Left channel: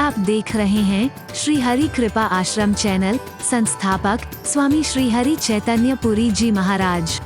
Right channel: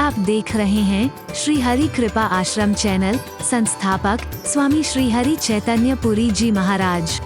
आप देख रहे हैं श्री हरि कृपा आश्रम चैनल। संस्थापक स्वामी श्री हरि चैतन्य पुरी जी महाराज।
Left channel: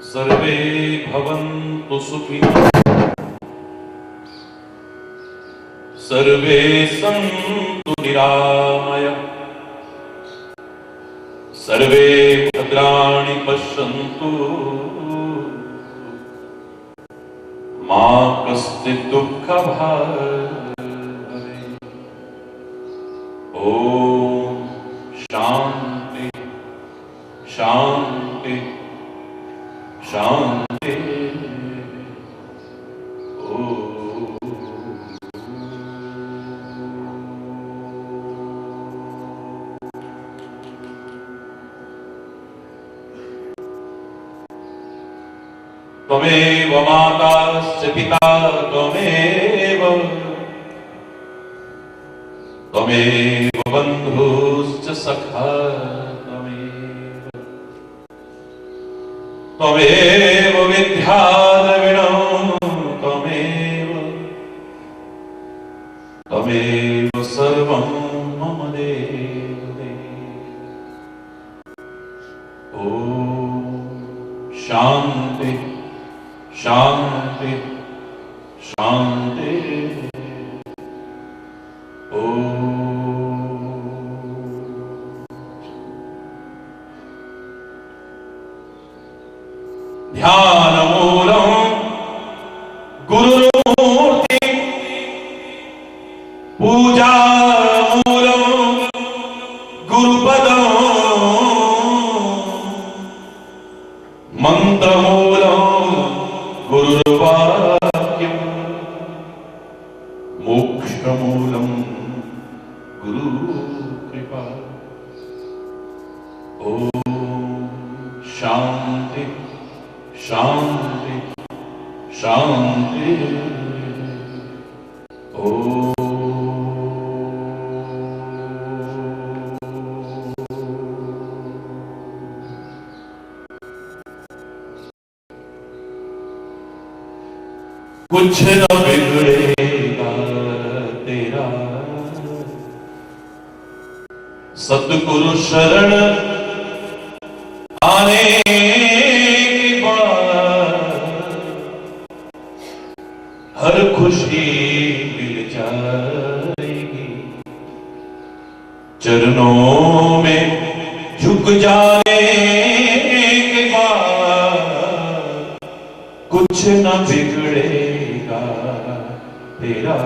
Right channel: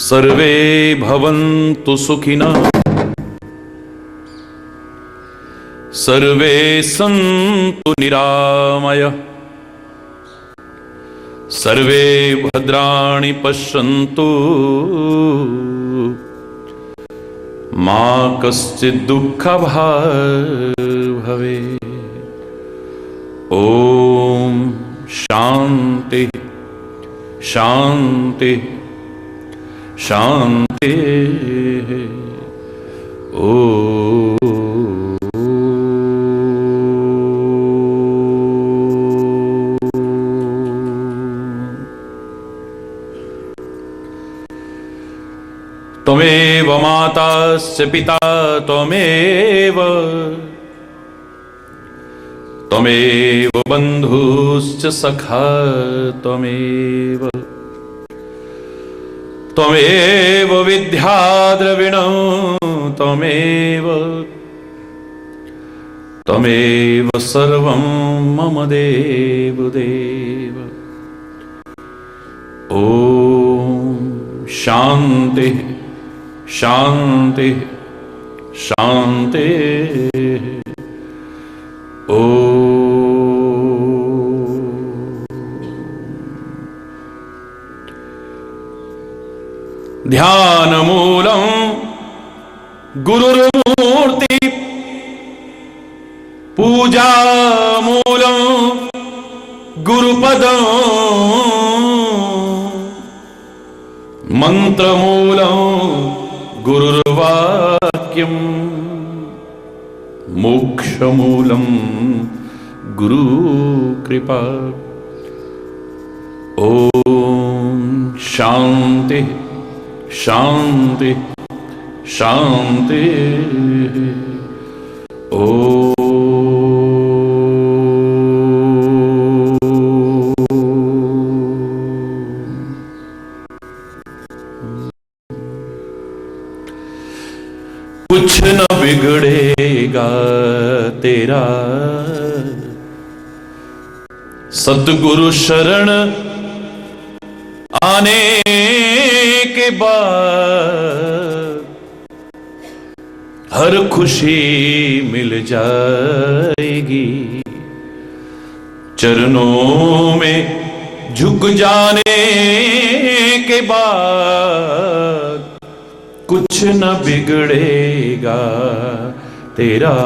सर्वे भवन्तु सुखिनः, सर्वे सन्तु निरामयः, सर्वे भद्राणि पश्यन्तु, मा कश्चित् दुःखभाग् भवेत्। ॐ शान्ति शान्ति शांति। ओ त्वमेव माताश्च पिता त्वमेव, त्वमेव बन्धुश्च सखा त्वमेव, त्वमेव विद्याद्रविणं त्वमेव, त्वमेव सर्वं मम देव देव। ॐ शान्ति शान्ति शान्ति। ॐ ध्यानमूलं गुरुमूर्ति, पूजामूलं गुरुपदं, मन्त्रमूलं गुरुर्वाक्यं, मोक्षमूलं गुरुकृपा। ॐ शान्ति शांति शांति। ओ कुछ न बिगड़ेगा तेरा, सतगुरु शरण आने के बाद हर खुशी मिल जाएगी। चरणों में झुक जाने के बाद कुछ न बिगड़ेगा तेरा।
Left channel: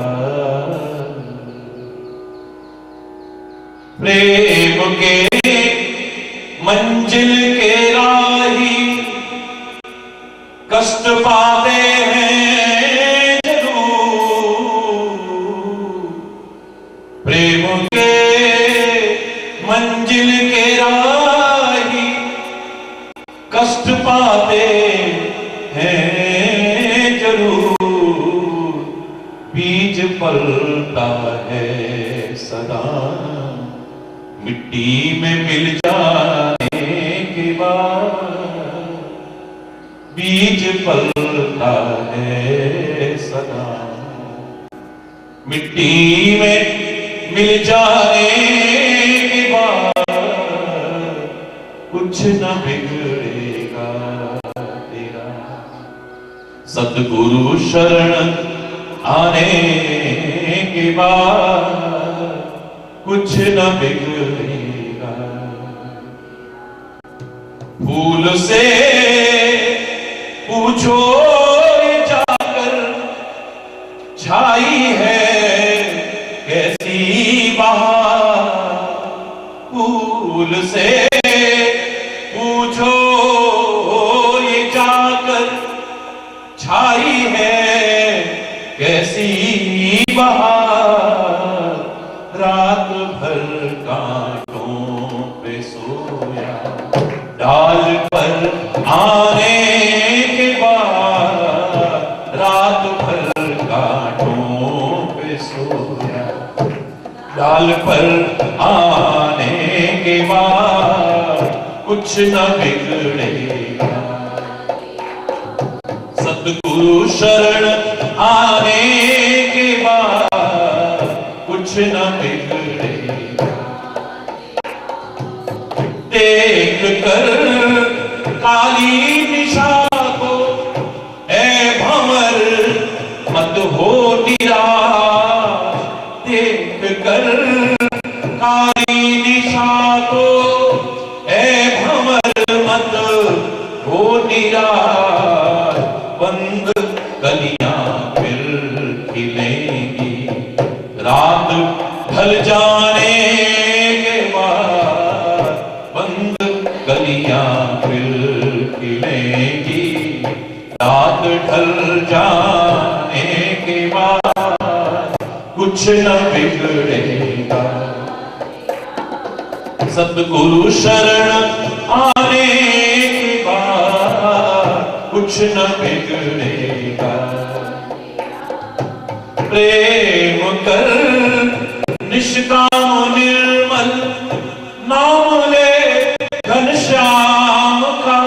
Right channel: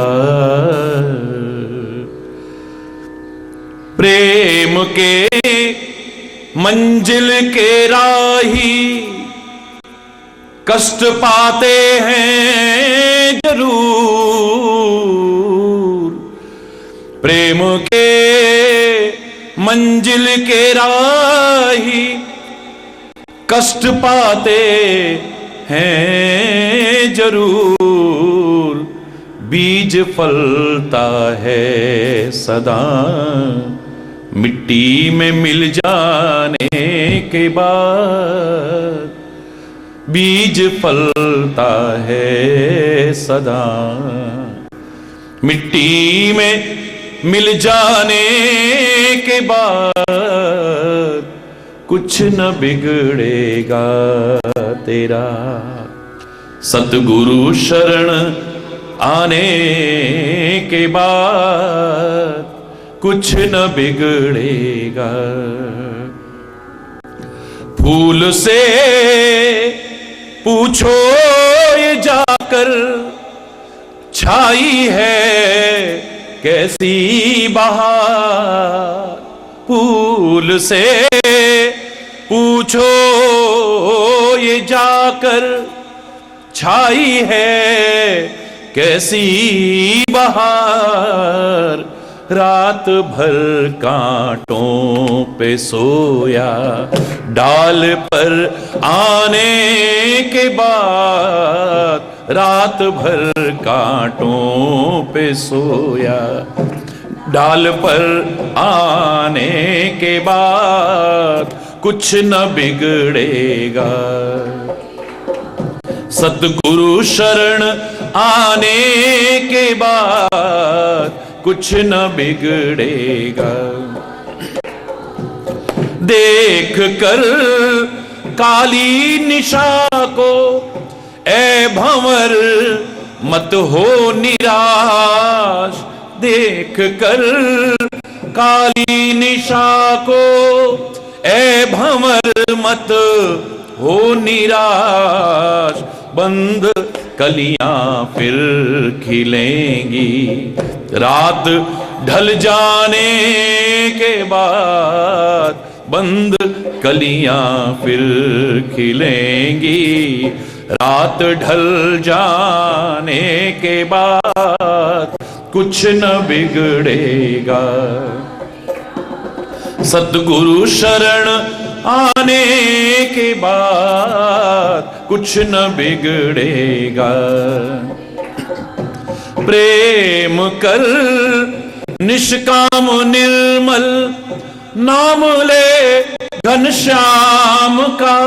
प्रेम के मंजिल के राही कष्ट पाते हैं जरूर, प्रेम के मंजिल के राही कष्ट पाते हैं जरूर। बीज फलता है सदा मिट्टी में मिल जाने के बाद, बीज फलता है सदा मिट्टी में मिल जाने के बाद कुछ न बिगड़ेगा तेरा। सतगुरु शरण आने के बाद कुछ न बिगड़ेगा। फूल से पूछो ये जाकर छाई है कैसी बहार, फूल से पूछो ये जाकर, छाई है कैसी बहार। रात भर कांटों पे सोया, डाल पर आने के बाद, रात भर कांटों पे सोया, डाल पर आने के बाद कुछ न बिगड़ेगा। सतगुरु शरण आने के बाद कुछ न बिगड़ेगा। देख कर काली निशा को ए भंवर मत हो निराश, देख कर काली निशा को ए भंवर मत हो निराश। बंद कलियां फिर खिलेंगी, रात ढल जाने के बाद, बंद कलियां फिर खिलेंगी, रात ढल जाने के बाद कुछ न बिगड़ेगा। सतगुरु शरण आने के बाद कुछ न बिगड़ेगा। प्रेम कर निष्काम निर्मल, नाम ले घनश्याम का।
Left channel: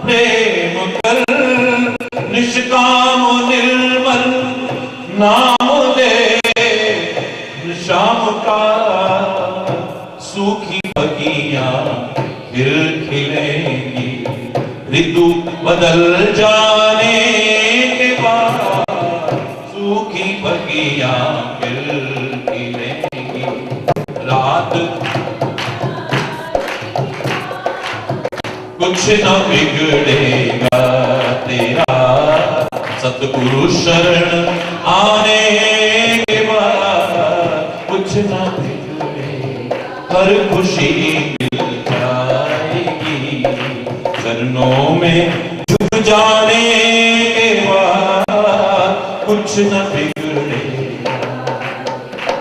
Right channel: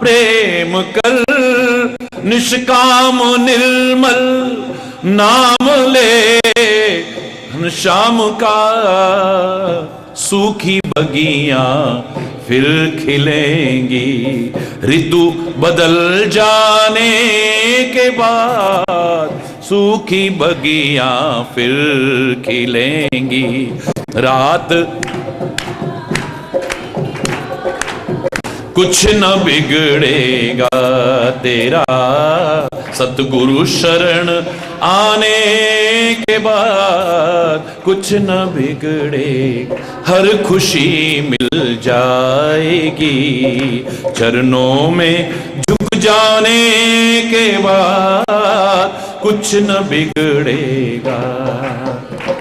प्रेम कर निष्काम निर्मल, नाम ले घनश्याम का। सूखी बगियां फिर खिलेंगी, ऋतु बदल जाने के बाद। सूखी बगियां फिर खिलेंगी, रात कुछ न बिगड़ेगा तेरा। सतगुरु शरण आने के बाद कुछ न बिगड़े। हर खुशी मिल जाएगी, चरणों में झुक जाने के बाद कुछ न बिगड़ेगा,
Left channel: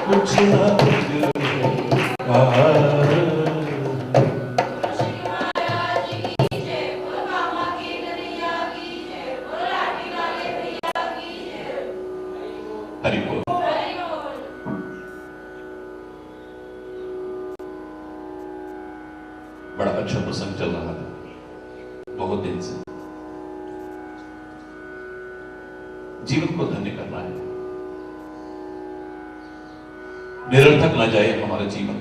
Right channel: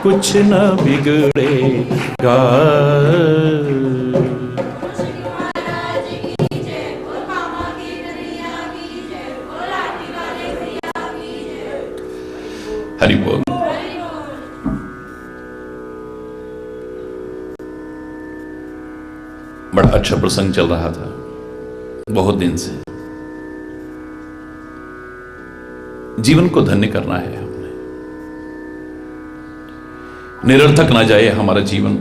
कुछ न बिगड़ेगा। हरि बोल। बड़ा अच्छा प्रसंग चल रहा था बहुत दिन से। जीवन को धन्य करना है हमने, निरर्थक ना जाए हमारा जीवन,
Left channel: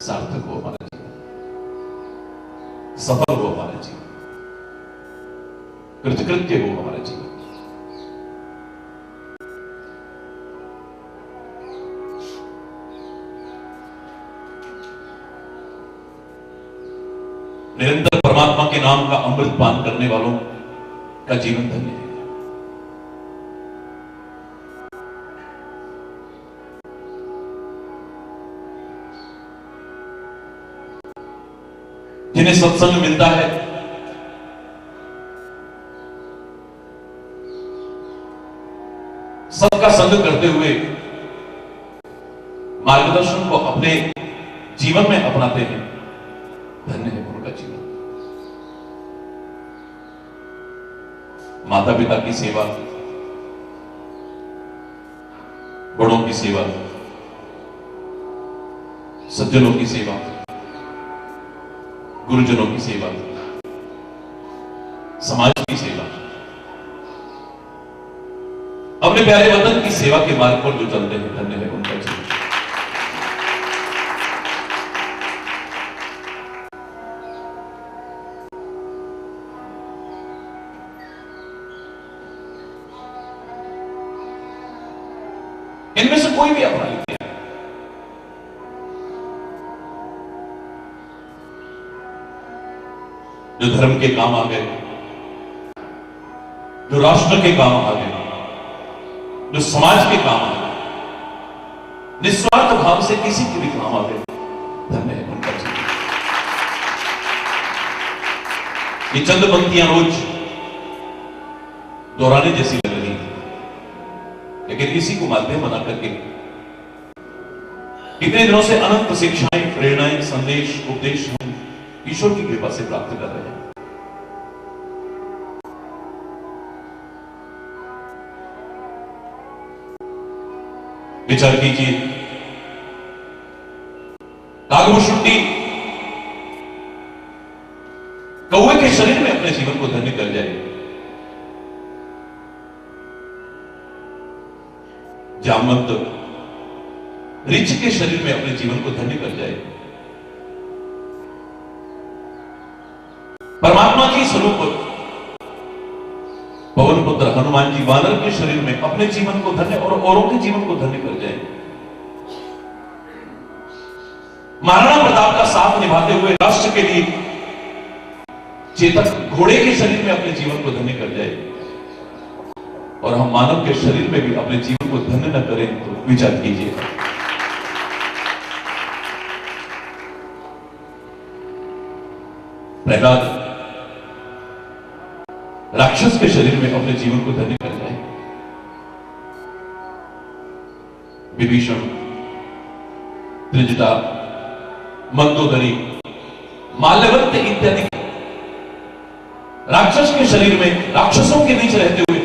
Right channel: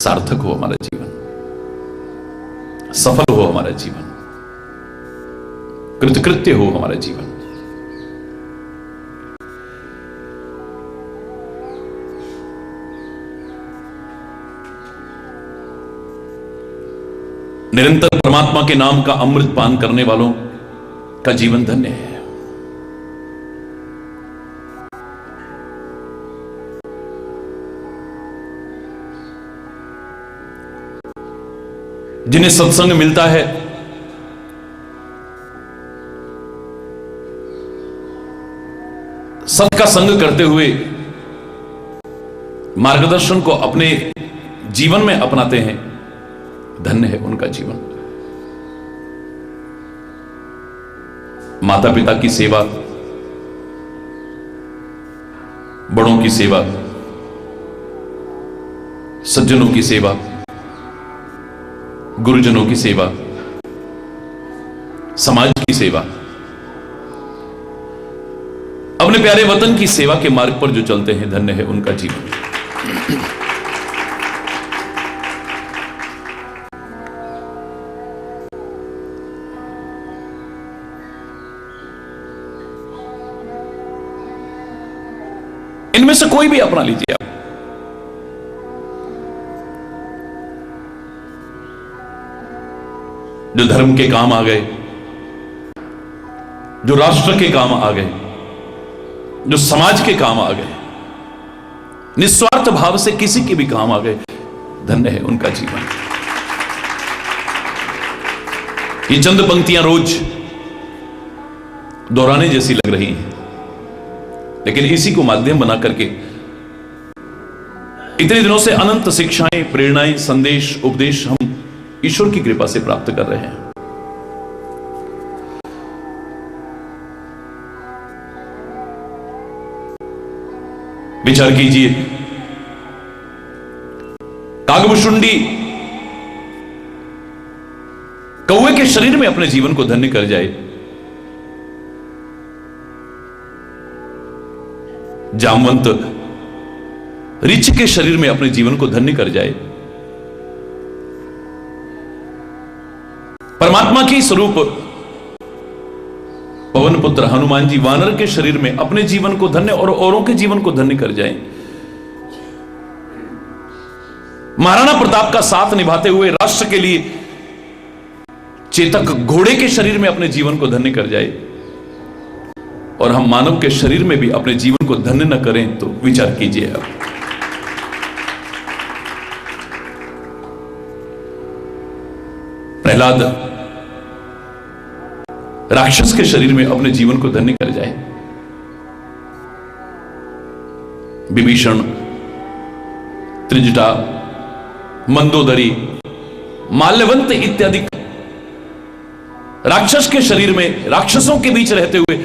सार्थक हो हमारा जीवन, सफल हो हमारा जीवन, कृतकृत्य हो हमारा जीवन। निरंतर परमात्मा के नाम का अमृत पान करने वालों का जीवन धन्य है। जिन्हें सत्संग मिलता है, सबका संग करते हुए मार्गदर्शन को अपने जीवन में अपनाते हैं, धन्य है उनका जीवन। माता पिता की सेवा, बड़ों की सेवा, सज्जनों की सेवा, गुरुजनों की सेवा, समाज की सेवा, अपने प्यारे वतन की सेवा के मार्ग पर जो चलते हैं, धन्य है उनका जीवन। इनमें से कोई भी अपना लीजिए आप। जो धर्म के काम आ गए, जो राष्ट्र के काम आ गए, जो समाज के काम आ गए, निस्वार्थ भाव से किसी के भी काम आ गए, धन्य है उनका जीवन। ये चंद पंक्तियां रोज दोहराने जैसी लग रही हैं, लेकिन इसी को माध्यम बना करके इतने दिनों से अनंत शिक्षाएं, प्रेरणाएं, संदेश, उपदेश हम ईश्वर की कृपा से प्राप्त कर रहे हैं। विचार कीजिए, कागभुशुंडी कौवे के शरीर में अपने जीवन को धन्य कर जाए, जामवंत ऋछ के शरीर में अपने जीवन को धन्य कर जाए, परमात्मा के स्वरूप पवन पुत्र हनुमान जी वानर के शरीर में अपने जीवन को धन्य और औरों के जीवन को धन्य कर जाएं। महाराणा प्रताप का साथ निभाते हुए राष्ट्र के लिए चेतक घोड़े के शरीर में अपने जीवन को धन्य कर जाए, और हम मानव के शरीर में भी अपने जीवन को धन्य न करें तो विचार कीजिएगा। प्रहलाद राक्षस के शरीर में अपने जीवन को धन्य कर जाए, विभीषण, त्रिजटा, मंदोदरी, माल्यवंत इत्यादि राक्षस के शरीर में, राक्षसों के बीच रहते हुए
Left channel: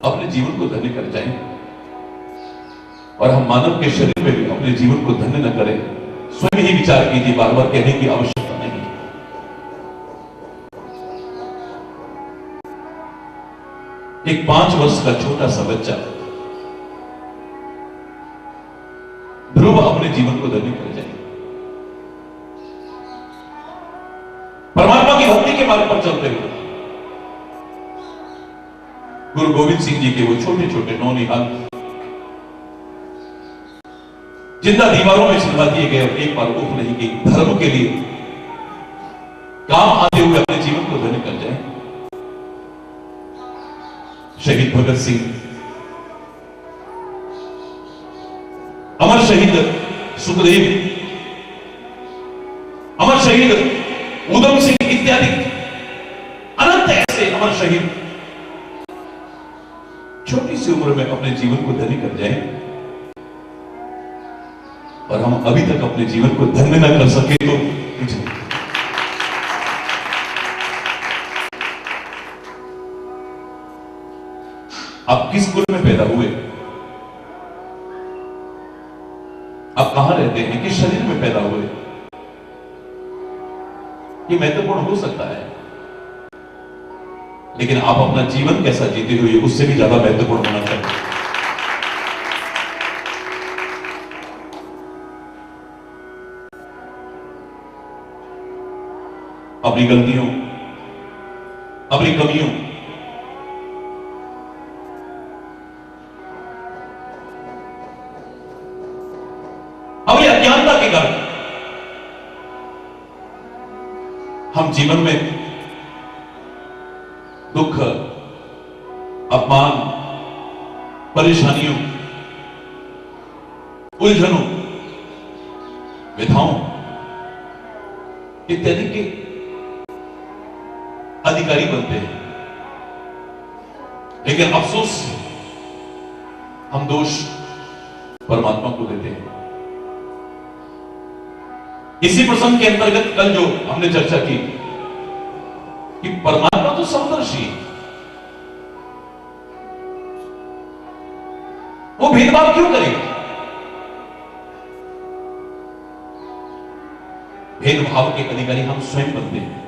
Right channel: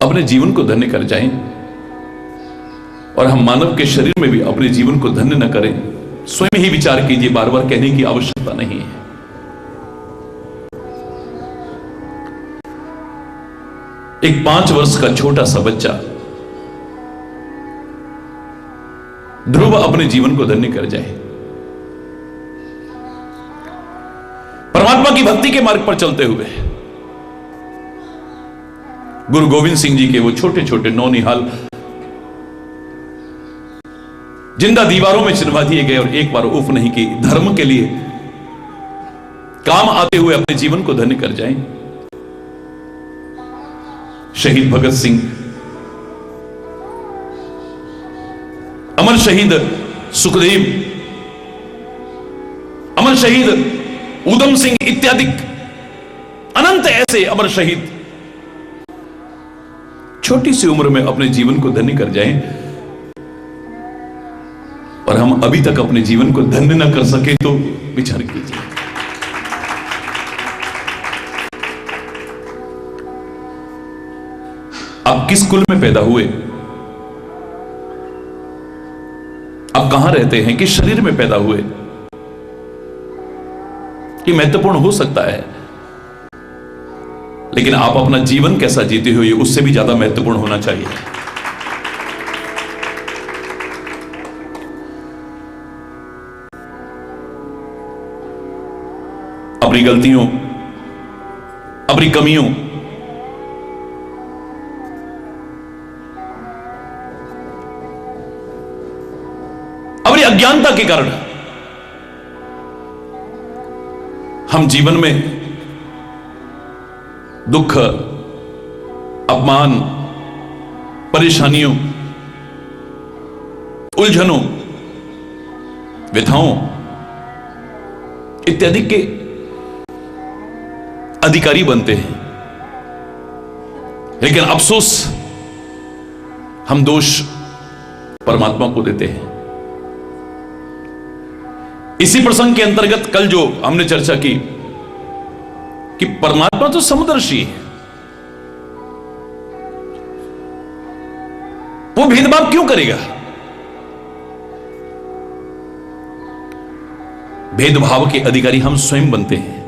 अपने जीवन को धन्य कर जाएं, और हम मानव के शरीर में भी अपने जीवन को धन्य न करें। स्वयं ही विचार कीजिए, बार बार कहने की आवश्यकता नहीं है। एक 5 वर्ष का छोटा सा बच्चा ध्रुव अपने जीवन को धन्य कर जाए, परमात्मा की भक्ति के मार्ग पर चलते हुए गुरु गोविंद सिंह जी के वो छोटे छोटे 9 निहाल जिंदा दीवारों में चिन्हवा दिए गए और एक बार उफ नहीं की, धर्म के लिए काम आते हुए अपने जीवन को धन्य कर जाएं। शहीद भगत सिंह, अमर शहीद सुखदेव, अमर शहीद ऊधम सिंह इत्यादि अनंत ऐसे अमर शहीद छोटी सी उम्र में अपने जीवन को धन्य कर जाएं, और हम अभी तक अपने जीवन को धन्य न कर सके तो विचार कीजिए। आप किस कुल में पैदा हुए, आप कहां रहते हैं, किस शरीर में पैदा हुए, ये महत्वपूर्ण हो सकता है, लेकिन आप अपना जीवन कैसा जीते हो ये उससे भी ज्यादा महत्वपूर्ण होना चाहिए। अपनी गलतियों, अपनी कमियों, अपनी अज्ञानता के कारण हम जीवन में दुख, अपमान, परेशानियों, उलझनों, व्यथाओं इत्यादि के अधिकारी बनते हैं, लेकिन अफसोस हम दोष परमात्मा को देते हैं। इसी प्रसंग के अंतर्गत कल जो हमने चर्चा की कि परमात्मा तो समदर्शी है, वो भेदभाव क्यों करेगा? भेदभाव के अधिकारी हम स्वयं बनते हैं।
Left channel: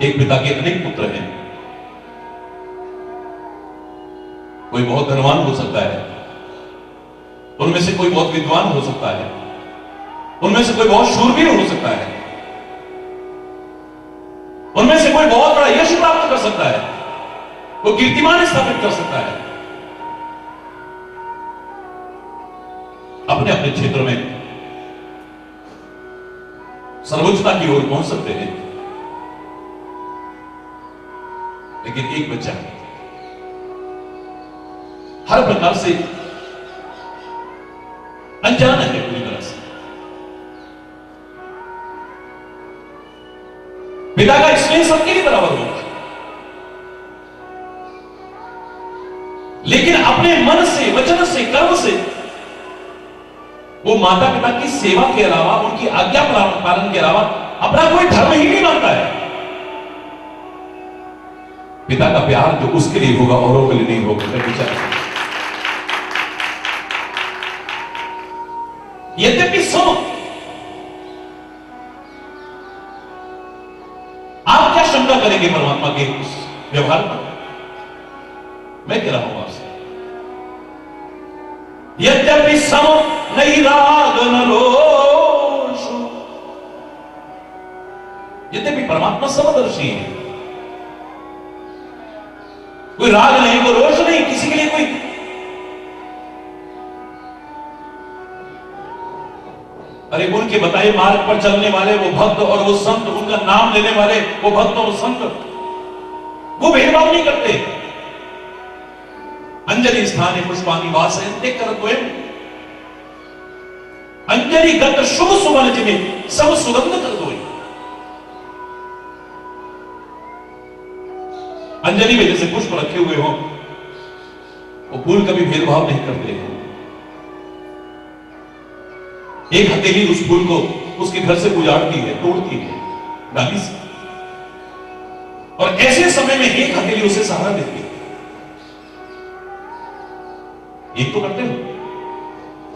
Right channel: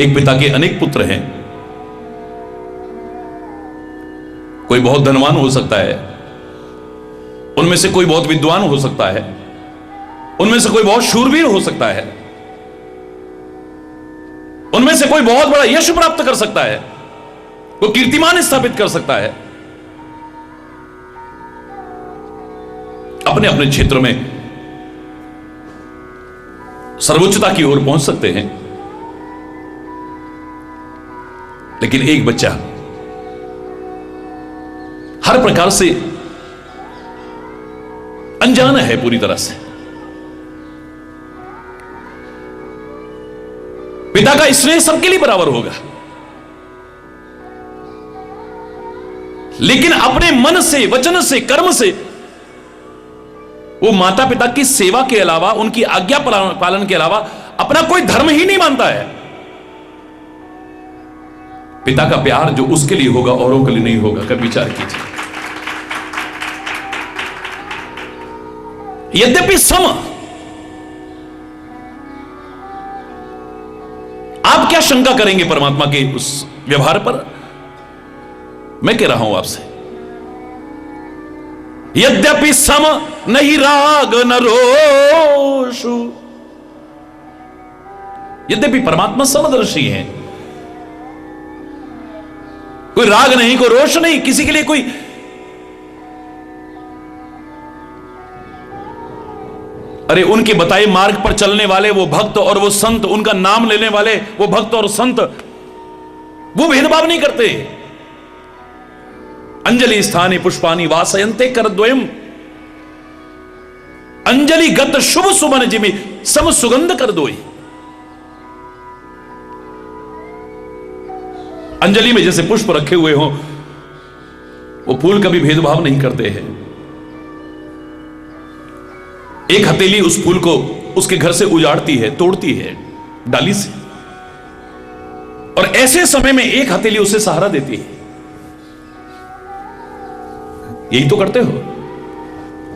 एक पिता के अनेक पुत्र हैं, कोई बहुत धनवान हो सकता है, उनमें से कोई बहुत विद्वान हो सकता है, उनमें से कोई बहुत शूरवीर हो सकता है, उनमें से कोई बहुत बड़ा यश प्राप्त कर सकता है, कोई कीर्तिमान स्थापित कर सकता है, अपने अपने क्षेत्र में सर्वोच्चता की ओर पहुंच सकते हैं। लेकिन एक बच्चा हर प्रकार से अनजान है पूरी तरह से। पिता का स्नेह सबके लिए बराबर होगा, लेकिन अपने मन से, वचन से, कर्म से वो माता पिता की सेवा के अलावा, उनकी आज्ञा पालन के अलावा अपना कोई धर्म ही नहीं मानता है। पिता का प्यार जो उसके लिए होगा औरों के लिए नहीं होगा। कभी विचार कीजिए। यद्यपि सम, आप क्या शंका करेंगे परमात्मा के उस व्यवहार पर? मैं कह रहा हूं आपसे, यद्यपि सम नहीं राग न रोषु। यद्यपि परमात्मा समदर्शी हैं, कोई राग नहीं, कोई रोष नहीं, किसी के लिए कोई अरे उनके बताए मार्ग पर चलने वाले वो भक्त और वो संत, उनका नाम लेने वाले वो भक्त और संत, वो भेदभाव नहीं करते। अंजलि स्थाने पुष्पानि वासयन्ते करद्वयम्। अंजलि गत शुभ सुमन जिमि सब सुगंध कर दोई। अंजलि में जैसे पुष्प रखे हुए हो, वो फूल कभी भेदभाव नहीं करते हैं। एक हथेली उस फूल को उसके घर से उजाड़ती है, तोड़ती है डाली से, और ऐसे समय में एक हथेली उसे सहारा देती है। यही तो करते हो।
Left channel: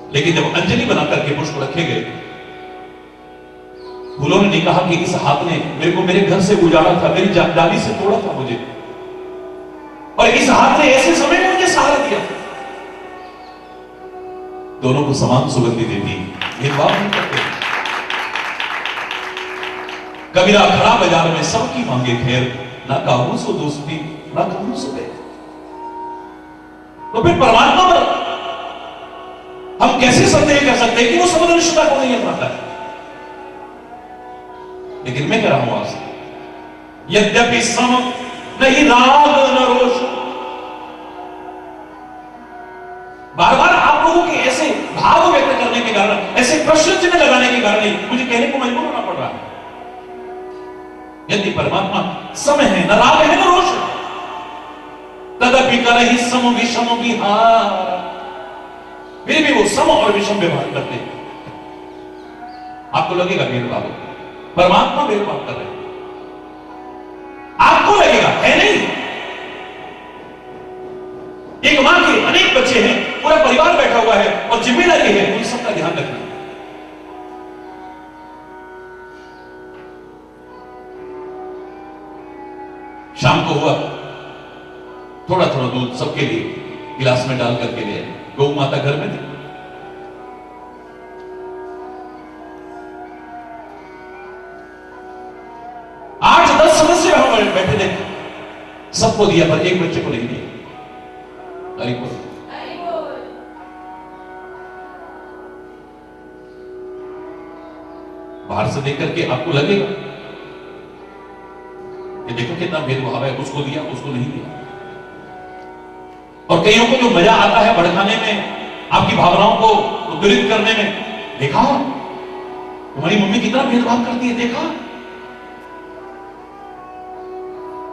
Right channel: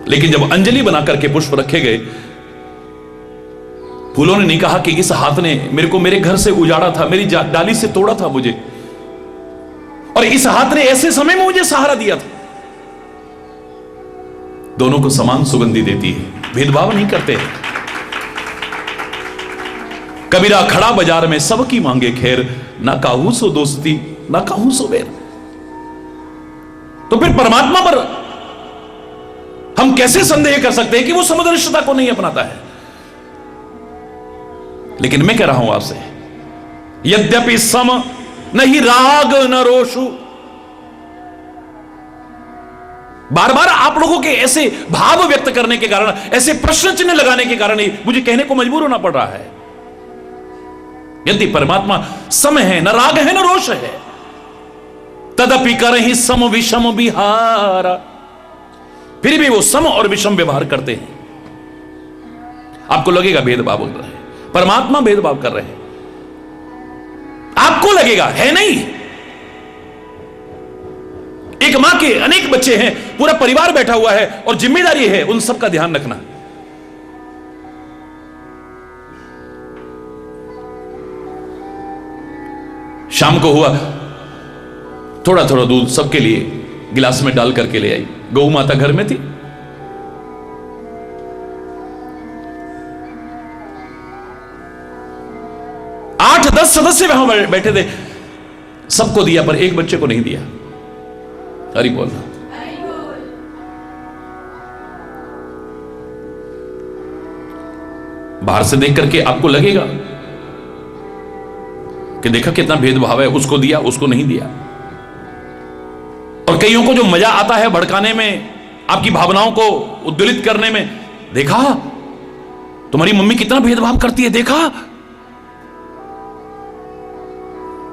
लेकिन जब अंजलि बनाकर के पुष्प रखे गए, फूलों ने नहीं कहा कि इस हाथ ने मेरे को मेरे घर से उजाड़ा था, मेरी डाली से तोड़ा था मुझे, और इस हाथ ने ऐसे समय में मुझे सहारा दिया था। दोनों को समान सुगंधी देती है, भेदभाव नहीं करते। कबीरा खड़ा बाजार में सबकी मांगे खैर, ना काहू सो दोस्ती ना काहू सो बैर। तो फिर परमात्मा पर हम कैसे संदेह कर सकते हैं कि वो समदर्शिता को नहीं अपनाता है? लेकिन मैं कह रहा हूं आपसे, यद्यपि सम नहीं राग न रोषु। बार बार आप लोगों के ऐसे भाव व्यक्त करने के कारण, ऐसे प्रश्न चिन्ह लगाने के कारण ही मुझे कहने को मजबूर होना पड़ रहा है। यदि परमात्मा सम है, न राग है न रोष है, तदपि करहि सम विषम विहारा। फिर भी वो सम और विषम व्यवहार करते हैं। आपको लगेगा भेदभाव हो रहा है, परमात्मा भेदभाव कर रहे हैं, आपको लगेगा है नहीं। एक मां के अनेक बच्चे हैं, पूरा परिवार बैठा हुआ है, और जिम्मेदारी है उन सबका ध्यान रखना। शाम को हुआ, थोड़ा थोड़ा दूध सबके लिए गिलास में डाल करके ले आई। गौ माता घर में थी, आठ 10 सदस्य वहां बैठे थे, सबको दिया पर एक बच्चे को नहीं दिया। हरि बोल। बाहर से देख करके आपको लगेगा कि देखा कितना भेदभाव है, उसको दिया उसको नहीं दिया। और कईयों को जो मजा आता है भड़काने में, आपकी भावनाओं को उद्दोलित करने में, देखा तुम्हारी मम्मी कितना भेदभाव करती है, देखा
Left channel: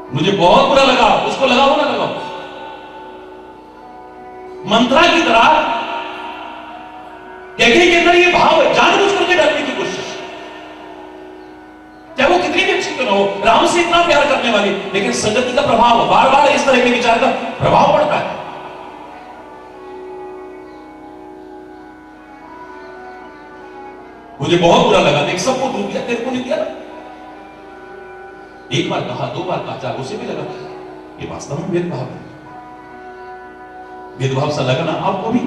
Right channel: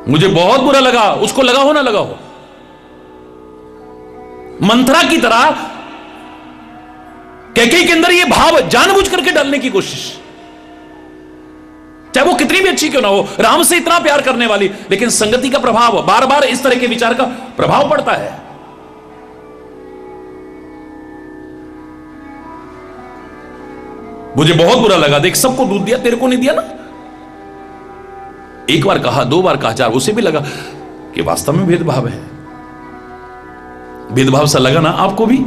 मुझे बहुत बुरा लगा, उसको लगा हो ना लगा हो। मंत्रा की तरह कैकेयी के अंदर ये भाव जानबूझ करके डालने की कोशिश, चाहे वो कितनी भी अच्छी क्यों ना हो, राम से इतना प्यार करने वाली, लेकिन संगति का प्रभाव, बार बार इस तरह के विचार का प्रभाव पड़ता है। मुझे बहुत बुरा लगा, देख सबको दूध दिया, तेरे को नहीं दिया ना। एक बार कहा, 2 बार कहा, 4, उसे भी लगा कि वास्तव में भेदभाव है। भेदभाव सा लगा ना आपको भी,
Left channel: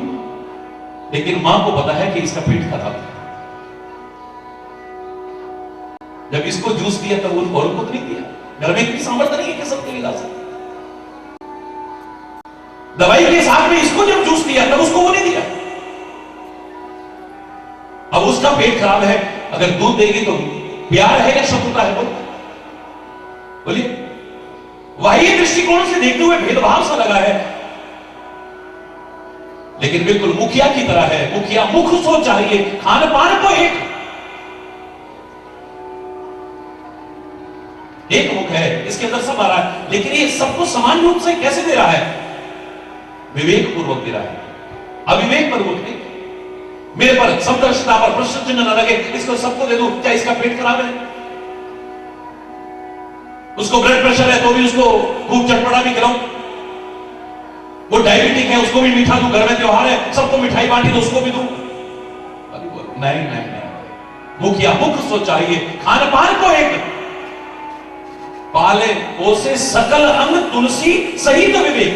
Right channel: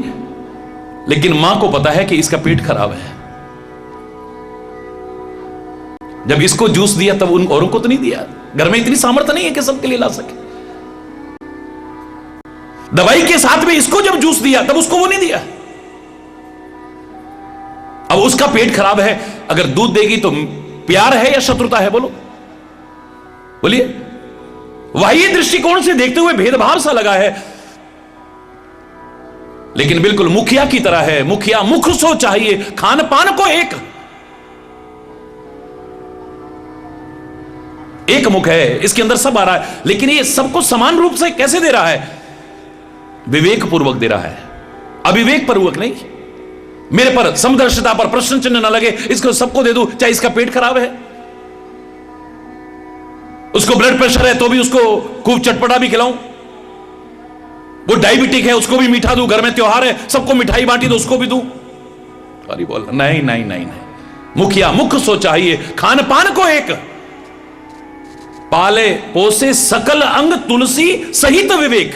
लेकिन मां को पता है कि इसका पेट खराब है। जब इसको जूस दिया तब उन औरों को तो नहीं दिया, घर में इतनी सामर्थ्य नहीं है कि सबके लिए ला सके। दवाई के साथ में इसको जब जूस दिया तब उसको वो नहीं दिया। अब उसका पेट खराब है, अगर दूध देगी तो प्यार है या शत्रुता है? बोलो, बोलिए। बाह्य दृष्टिकोण से देखते हुए भेदभाव सा लगा है, लेकिन बिल्कुल मुखिया की तरह है। मुखिया मुख सो चाहिए, खान पान को एक मुख है, इसके अंदर सब आ रहा है, लेकिन ये सबको समान रूप से कैसे दे रहा है? विवेक पूर्वक दे रहा है, अविवेक पूर्वक नहीं। मेरे पर समदर्शिता पर प्रश्न चिन्ह न लगे, इसको सबको दे दूं, चाहे इसका पेट खराब है, उसको ब्लड प्रेशर है तो भी उसको खूब चटपटा भी खिलाऊं, वो डायबिटिक है उसको भी मीठा दूं, घर में त्योहार है सबको मिठाई बांटी तो उसको भी दूं। अरे बोल नहीं नहीं नहीं नहीं, मुखिया मुख सो चाहिए, खान पान को एक, पाले पोसे सकल अंग तुलसी सहित विवेक।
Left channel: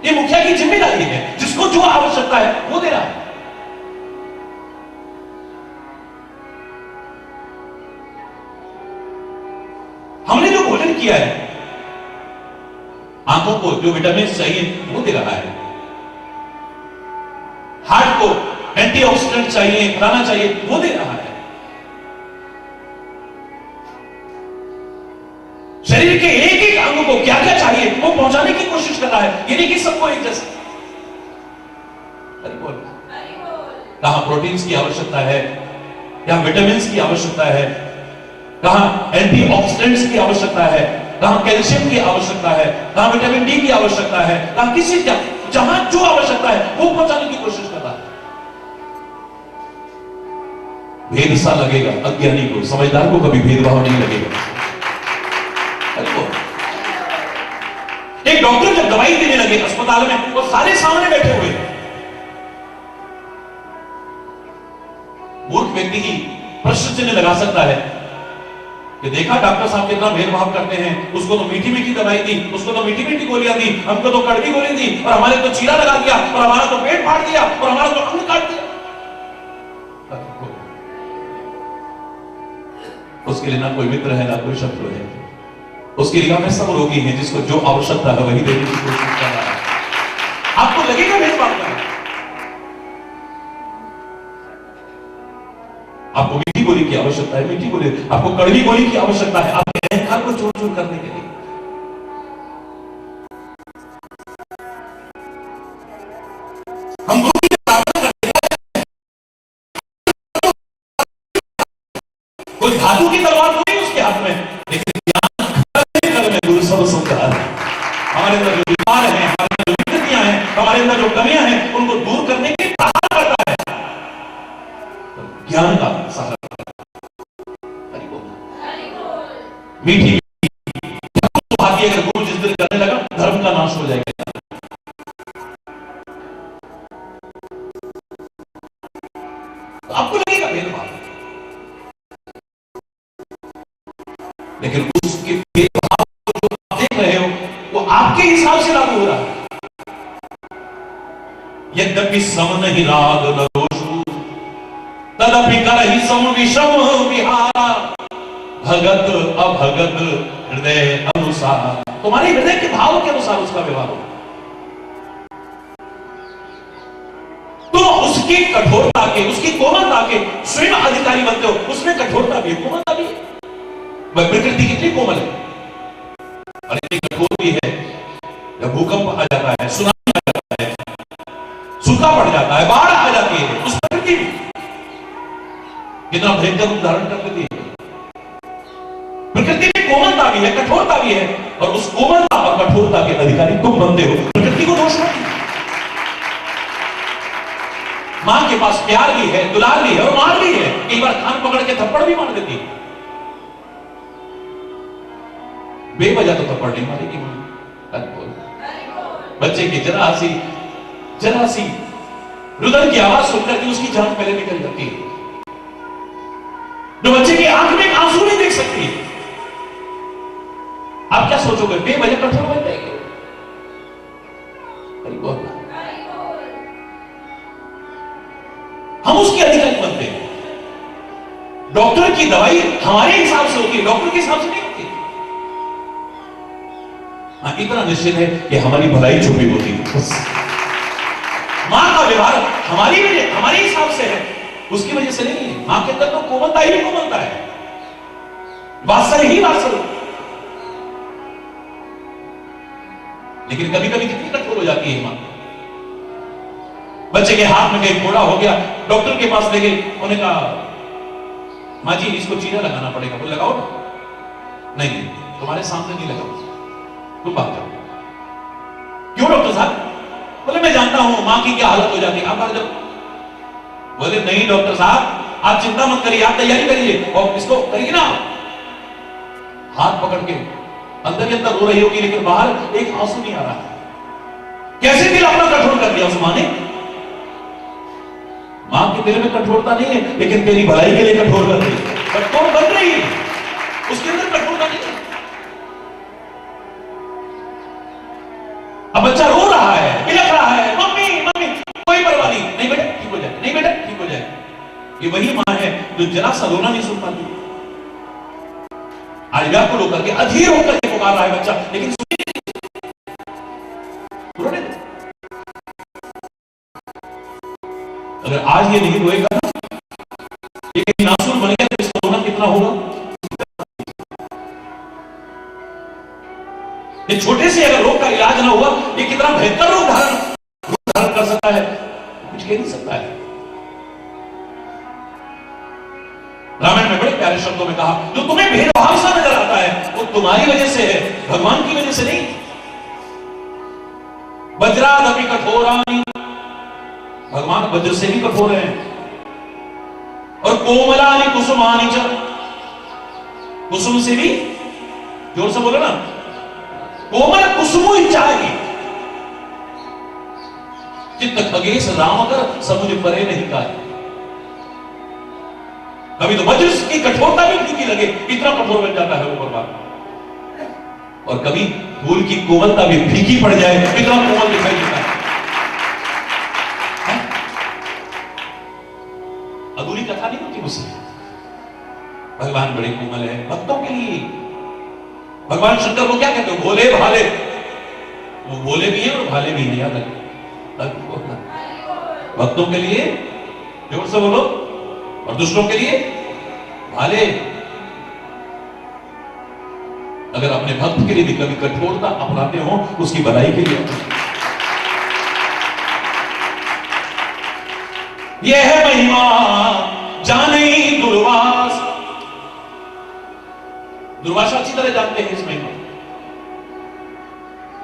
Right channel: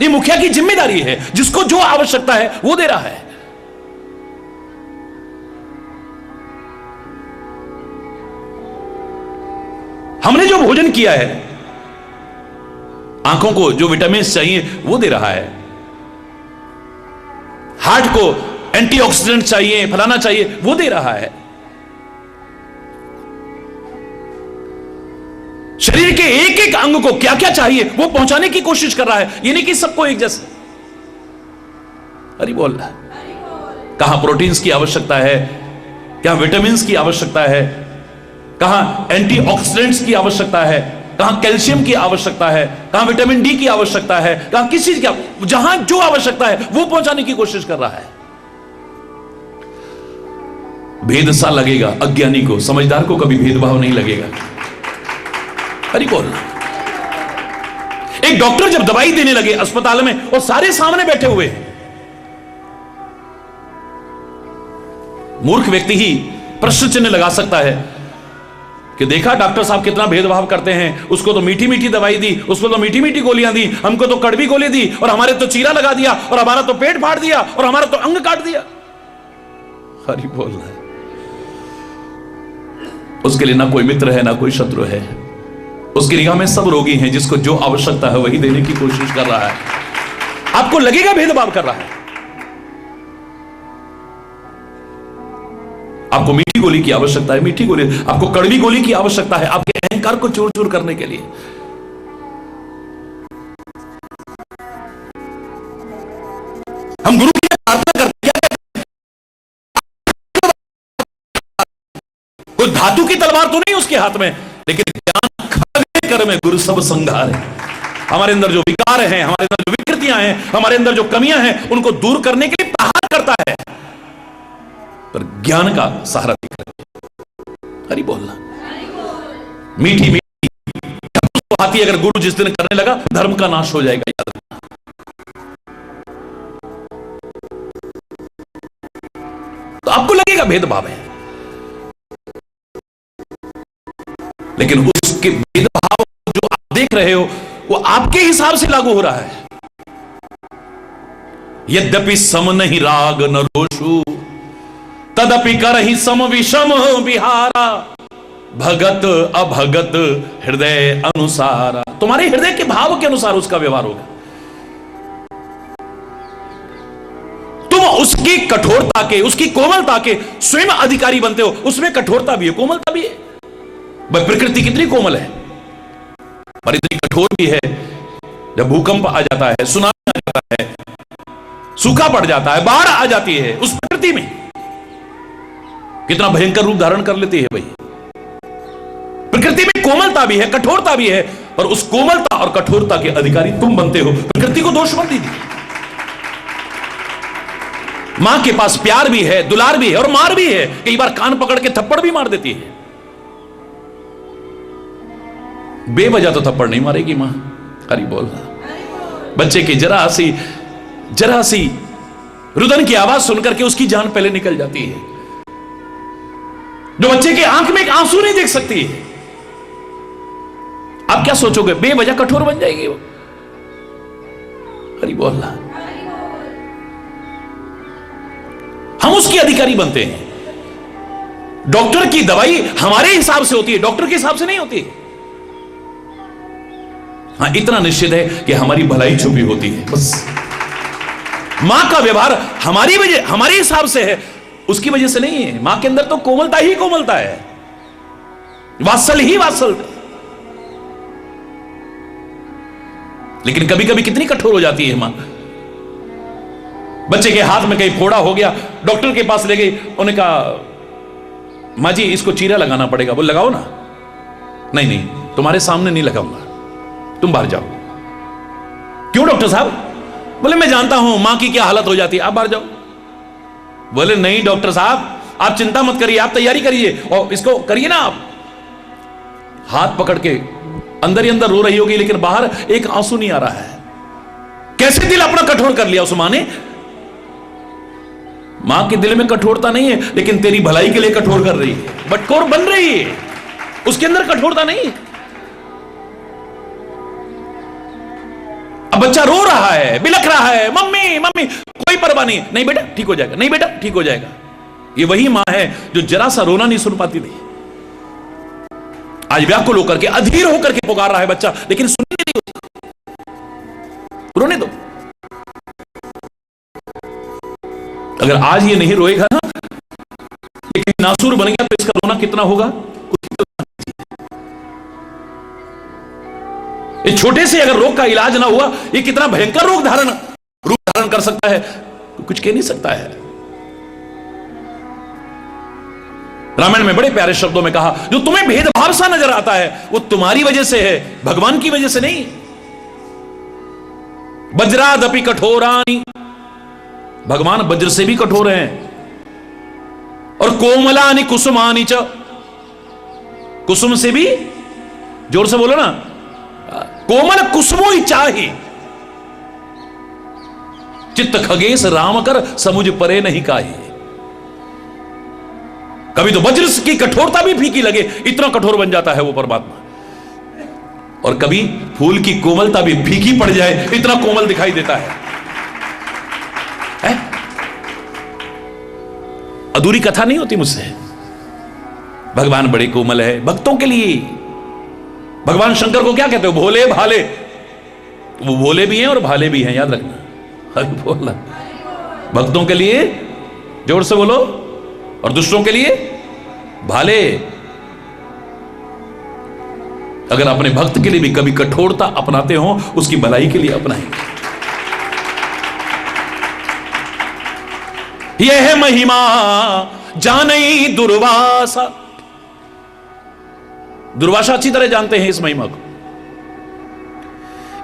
ये मुखिया की जिम्मेदारी है, जिसको जो आवश्यकता है वो दे रहा है। हमने जो भोजन किया है, आंखों को जो विटामिन चाहिए वो दे रहा है, हार्ट को एंटीऑक्सीडेंट चाहिए, फलाना चाहिए वो दे रहा है, शरीर के एक एक अंग को क्या क्या चाहिए वो पहुंचाने की कोशिश कर रहा है। ये नहीं कि सबको एक जैसा। अरे बोल रहा, कहां प्रोटीन्स की आवश्यकता है, क्या विटामिन्स की आवश्यकता है, कहां एंटीऑक्सीडेंट्स की आवश्यकता है, कहां कैल्शियम की आवश्यकता है, कहां विटामिन डी की आवश्यकता है, कहां किसी की, जहां जो आवश्यकता है वो पहुंचाने की कोशिश कर रहा है। भेद सा लगेगा अज्ञानी को, समझदार को कभी भेदभाव नहीं लगेगा। अरे कौन? एक डॉक्टर जब दवाई देने लगे अस्पताल में और सारे सामने बैठे हुए हैं, मूर्ख व्यक्ति ही प्रश्न चिन्ह लगा सकता है कि देखा डॉक्टर साहब कितना भेदभाव करते हैं, उसको तो मीठी मीठी दवाई दी, उसको तो मीठी मीठी गोलियां दी, हमको तो कड़वी गोली दी, और हमारे तो चीरा लगा दिया, और हमारा तो पेट फाड़ दिया, और हमारा तो अंग काट दिया। हरि बोल। उसके लिए ना कोई मित्र है ना कोई शत्रु है, उसकी निगाह में सब रोगी हैं, जिसको जो आवश्यकता है वही देने की कोशिश कर रहा है। आपको लगेगा भेदभाव कर रहा है, आपको मीठी गोली की आवश्यकता है मीठी गोली, आपको कड़वी गोली की आवश्यकता है आपके अहंकार को चूर चूर करने के लिए। हम गुरु की प्रार्थना करते हैं, कोई धातु की तलवार तो नहीं उसके हाथ में, लेकिन में गुरु सब संघार है। हमारे अंदर जो विकार हैं, हमारे अंदर जो विकृतियां हैं, हमारे अंदर जो कमियां हैं, उनको दूर करने के लिए प्रहार करता है, पर ज्ञान का सहारा हरि बोलना, मीठी मीठी बाकी अगर गुरु जिस दिन करने लगा धर्म का नाश हो जाएगा। तो आपको लगेगा भेदभाव है, लेकिन उसके भेदभाव जो आप देख रहे हो वो आपके हिसाब से लागू हो रहा है। यद्यपि सम नहीं राग न रोषु तदपि करहि सम विषम विहारा, भगत अभगत हृदय अनुसार। तुम्हारे हृदय के भाव के अनुसार उसका व्यवहार होगा। तो उसकी कठोरता के, उसकी कोमलता के स्वयं अधिकारी बनते हो। उसमें कठोरता भी है कोमलता भी है। प्रकृति कितनी कोमल है पर इतनी कठोर भी है। जब भूकंप आ जाता है, सुनामी आ जाता है, सूखा पड़ जाता है, बाढ़ आ जाती है, उस प्रकृति में कितना भयंकर रूप धारण कर लेती है भाई। प्रकृति में कोमलता भी है, कठोरता भी है, और उस कोमलता और कठोरता के अधिकारी तुम बनते हो। प्रकृति को दोष मत दीजिए। मां के पास प्यार भी है, दुलार भी है और मार भी है। कई बार कान पकड़ के थप्पड़ भी मार देती है। बेवजह तो थप्पड़ नहीं मारेगी मां। हरि बोल। बच्चे की जरा सी रुदन की आवाज सुनकर के उसकी जान पहले निकल जाती है। जो बच्चे की आंख में एक आंसू नहीं देख सकती है, आप क्या सोचोगे? बेवजह कठोर बन जाएगी वो। हरि बोलना। हम उसके अधिकारी बनते हैं। डॉक्टर की दवाई हमारे हिसाब से होती है, डॉक्टर के हिसाब से नहीं होती। हाँ, इतना निश्चित है कि हमारी भलाई छुपी होती है बस। मां का व्यवहार हमारी वजह, हमारे हिसाब से है, उसकी वजह से नहीं है। मां के अंदर तो कोमलता ही कोमलता है, वात्सल ही वात्सल। लेकिन कभी कभी कितनी कठोर हो जाती है मां। बच्चे के हाथ में कहीं फोड़ा हो गया, डॉक्टर के पास ले गई, उन्होंने कहा मां जी इसको चीरा लगाना पड़ेगा। बोले लगाओ ना। नहीं नहीं, तुम्हारे सामने नहीं लगाऊंगा, तुम बाहर जाओ। क्यों डॉक्टर साहब? बोले मैं जानता हूं मां की क्या हालत हो जाती है, आप बाहर जाओ। बोले नहीं डॉक्टर साहब, आप चिंता मत करिए, आप तैयारी करिए और इसको करिए ना। आप हाथ पकड़ के अंदर ही अंदर रो रही होगी, लेकिन बाहर एक आंसू नहीं आ रहा है। कैसे दिल अपना कठोर कर लिया उस मां ने। मां के दिल में कठोरता नहीं है, लेकिन तेरी भलाई के लिए कठोर कर रही है, बटखोर बन रही है, उसके अंदर कठोरता नहीं है। अब बच्चा रो रहा है, बिलख रहा है, मम्मी मम्मी, कोई परवाह नहीं, नहीं बेटा ठीक हो जाएगा, नहीं बेटा ठीक हो जाएगा। ये वही मां है जो जरा सा रोना नहीं सुन पाती थी, आज व्याकुल होकर के अधीर होकर के पुकार रहा है बच्चा, लेकिन सुनिए नहीं, रोने दो। अगर आज ये नहीं रोएगा ना, लेकिन नासूर बन गया तो इसका रोना कितना होगा। इस छोटे से अगर रोग का इलाज ना हुआ, ये कितना भयंकर रूप धारण कर सकता है, कुछ कह नहीं सकता है। रामायण में बड़े प्यारे शब्दों में कहा, जो तुम्हें भेदभाव सा नजर आता है वो तुम्हारी वजह से है, भगवान की वजह से नहीं। वज्रादपि कठोरानि, भगवान वज्र से भी कठोर हैं। और कोमलानि कुसुमानि च, कुसुम से भी, जोर से बोलो ना, कोमल कुसुमो ही चाहे। चित्त खगेश राम कर समुझ परे नहीं काहे। कभी तो वज्र की कठोरता भी फीकी लगे, इतना कठोर बन जाता है वो परमात्मा। और कभी फूल की कोमलता भी फीकी पड़ जाए, इतना कोमल दिखाई देता है। अधूरी कथा नहीं होती मुझसे। भगवान बड़े कोमल है भक्तों के लिए। भगवान शंकर को क्या कहते हो? भोले भाले। वो भोले भी हैं और भाले भी हैं, याद रखिए। बोला भक्तों के लिए जोर से बोलो, और दूसरों के लिए भाले। अगर अपने भक्त के लिए भी कभी कठोरता अपनाते हो, उसकी भलाई के लिए अपनाएं। यह है महिमा जानई दुर्वासा। दुर्वासा अच्छी तरह जानते हैं इस महिमा को।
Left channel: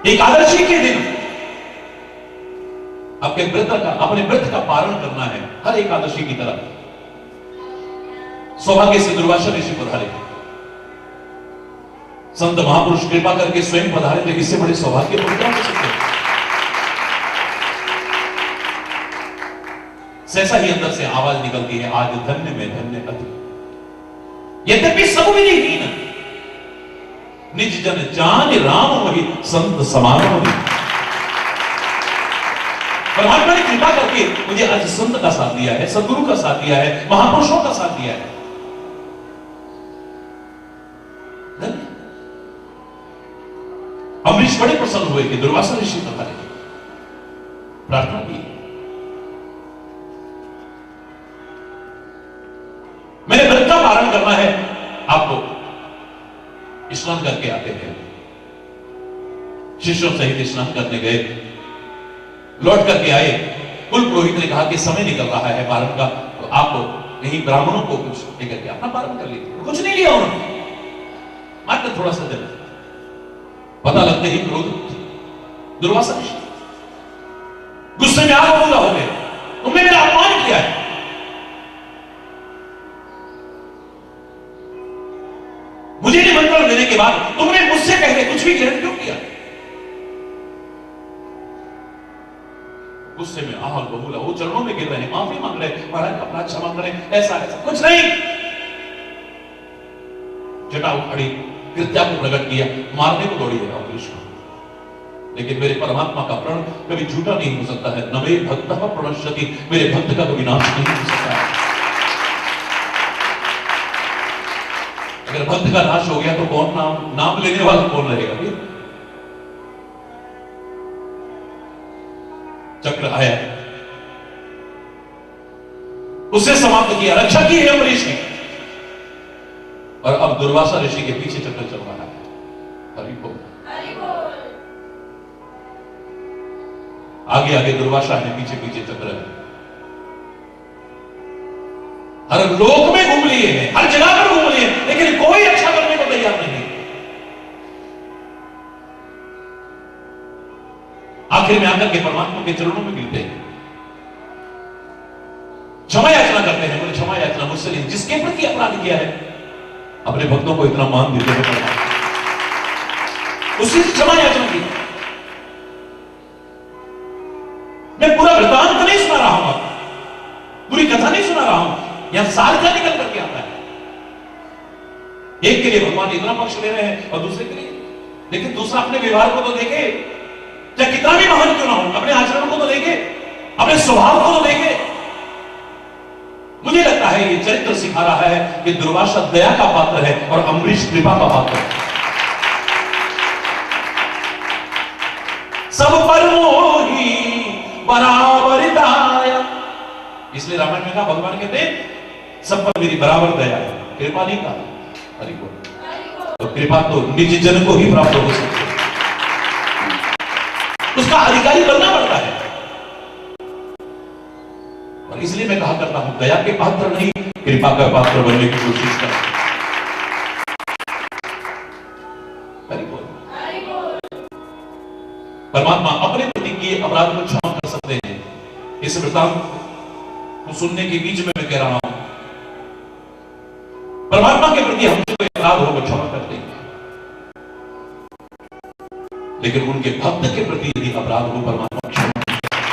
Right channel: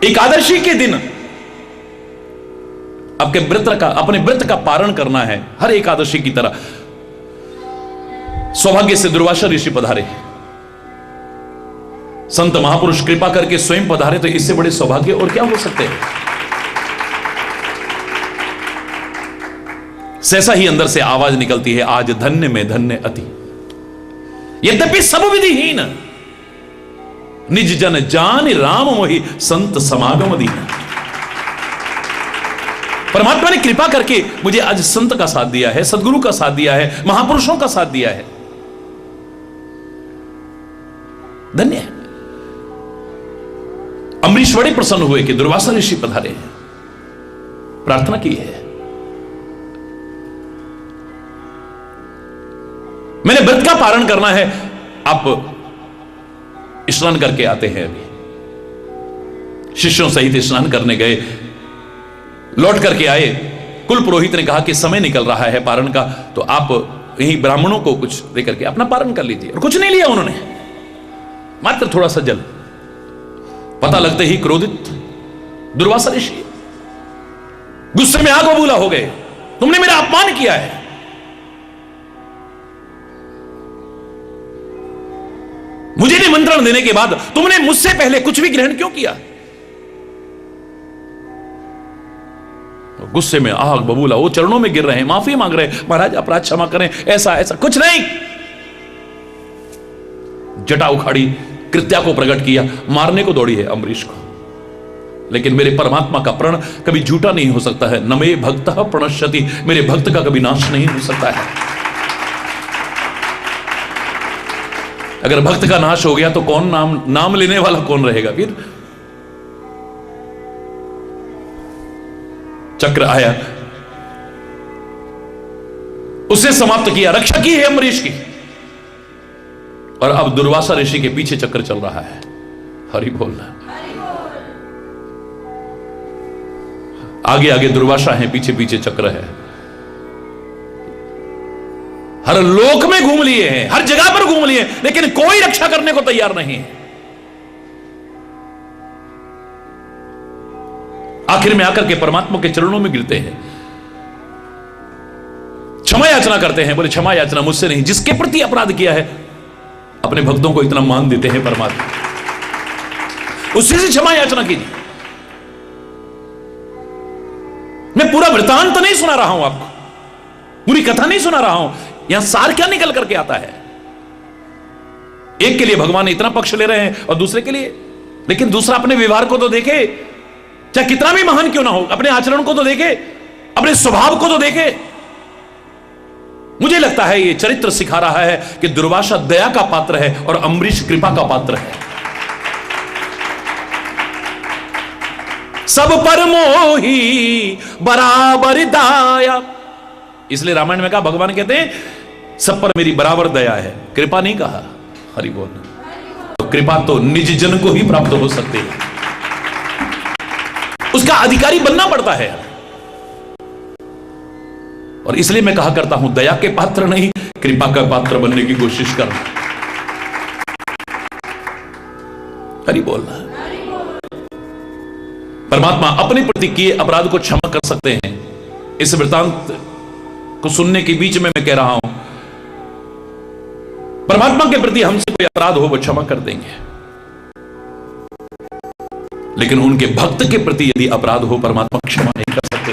एकादशी के दिन अपने व्रत का पारण करना है, हर एकादशी की तरह। सौभाग्य से दुर्वासा ऋषि पधारे, संत महापुरुष कृपा करके स्वयं पधारे, तो इससे बड़े सौभाग्य और क्या हो सकते हैं। सहसा ही अंदर से आवाज निकलती है, आज धन्य में धन्य अति। यद्यपि समविधिहीन निज जन जान राम वही संत समागम दी। परमात्मा ने कृपा करके मुझे आज संत का साथ दिया है, सदगुरु का साथ दिया है, महापुरुषों का साथ दिया है। धन्य है। अम्बरीश बड़े प्रसन्न हुए कि दुर्वासा ऋषि पधारे हैं, प्रार्थना की है। मैंने व्रत का पारण करना है। आप स्नान करके आते हैं, अभी शिष्यों सहित स्नान करने गए, लौट करके आए। कुल पुरोहित ने कहा कि समय निकल रहा है पारण का, तो आप यहीं ब्राह्मणों को कुछ देकर के अपना पारण कर लीजिए। और कुछ नहीं लिया उन्होंने, मात्र थोड़ा सा जल। पता लगते ही क्रोधित दुर्वासा ऋषि गुस्से में आग बबूला हो गए, तुमने मेरा अपमान किया है। मुझे निमंत्रण देने के बाद तुमने मुझसे पहले कुछ भी ग्रहण क्यों किया? गुस्से में आग बबूला, वो चरणों में गिर रहे हैं, माफी मांग रहे हैं, महाराज अपराध क्षमा करें, ऐसा ऐसा कुछ नहीं। जटा उखाड़ी, कृत्या को प्रकट किया, मारने को दौड़ी है अम्बरीश को। लेकिन मेरे परमात्मा का प्रण कभी झूठा नहीं हो सकता है। न मे भक्तः प्रणश्यति, मेरे भक्त का कभी नाश नहीं हो सकता है। अगर भक्त का नाश हो गया तो कौन नाम लेने वाला कौन रहेगा फिर? चक्र आया, उसे समाप्त किया, रक्षा की है अम्बरीश की। और अब दुर्वासा ऋषि के पीछे चक्र चल रहा है। हरि बोल। आगे आगे दुर्वासा है, पीछे पीछे चक्र है। हर लोक में घूम लिए हैं, हर जगह पर घूम लिए, लेकिन कोई रक्षा करने को तैयार नहीं है। आखिर में आकर के परमात्मा के चरणों में गिरते हैं, क्षमा याचना करते हैं। बोले क्षमा याचना मुझसे नहीं, जिसके प्रति अपराध किया है अपने भक्तों को इतना मान देते हैं परमात्मा, उसी से क्षमा याचना की। मैं पूरा वृतांत नहीं सुना रहा हूं आपको, पूरी कथा नहीं सुना रहा हूं। यहां सार क्या निकल करके आता है? एक के लिए भगवान इतना पक्ष ले रहे हैं और दूसरे के लिए, लेकिन दूसरा अपने व्यवहार को तो देखे, चाहे कितना भी महान क्यों ना हो, अपने आचरण को तो देखे, अपने स्वभाव को तो देखे। मुझे लगता है ये चरित्र सिखा रहा है कि दुर्वासा दया का पात्र है और अम्बरीश कृपा का पात्र है। सब पर मोही बराबर दाया, इसलिए रामायण में कहा, भगवान कहते हैं सब पर मेरी बराबर दया है, कृपा नहीं कहा। हरि बोल। तो कृपा तो निज जन को ही प्राप्त हो सकती है, उसका अधिकारी बनना पड़ता है। और इसलिए मैं कहा करता हूं, दया के पात्र नहीं, कृपा का पात्र बनने की कोशिश करना। हरि बोलना। परमात्मा अपने प्रति किए अपराध को क्षमा कर सकते हैं। इस वृतांत को सुनने के बीच में मैं कह रहा हूं, परमात्मा के प्रति हमसे कोई अपराध हो वो क्षमा कर देंगे, लेकिन उनके भक्त के प्रति यदि अपराध हो परमात्मा क्षमा नहीं कर सकते।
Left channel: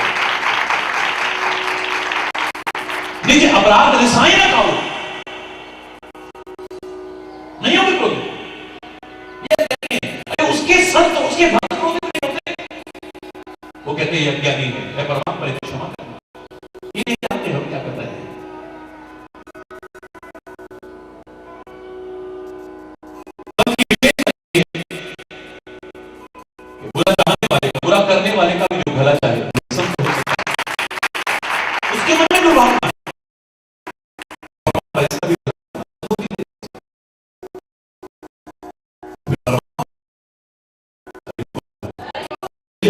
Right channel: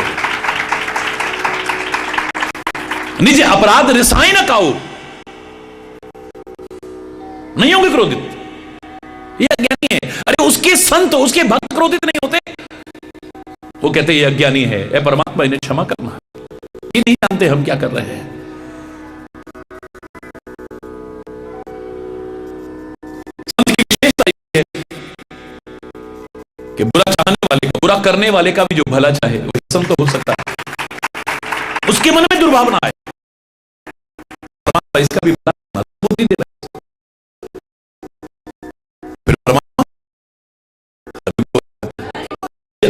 निज अपराध रिसाई न काऊ, नहीं होंगे क्रोधित, ये अज्ञानी है। अरे उसके संत, उसके भक्त क्रोधित नहीं होते, वो कहते ये अज्ञानी है, ए परमात्मा इन्हें क्षमा करना। ये नहीं जानते हम क्या कर रहे हैं। संत की विशेषता ये है कि बुरा चाहने वाले, बुरा करने वाले का भी जो भला चाहे वो संत हो सकता है, उसके मन में दुर्भावना है, इसका भी भला बुद्धि दे रहा है। फिर परमात्मा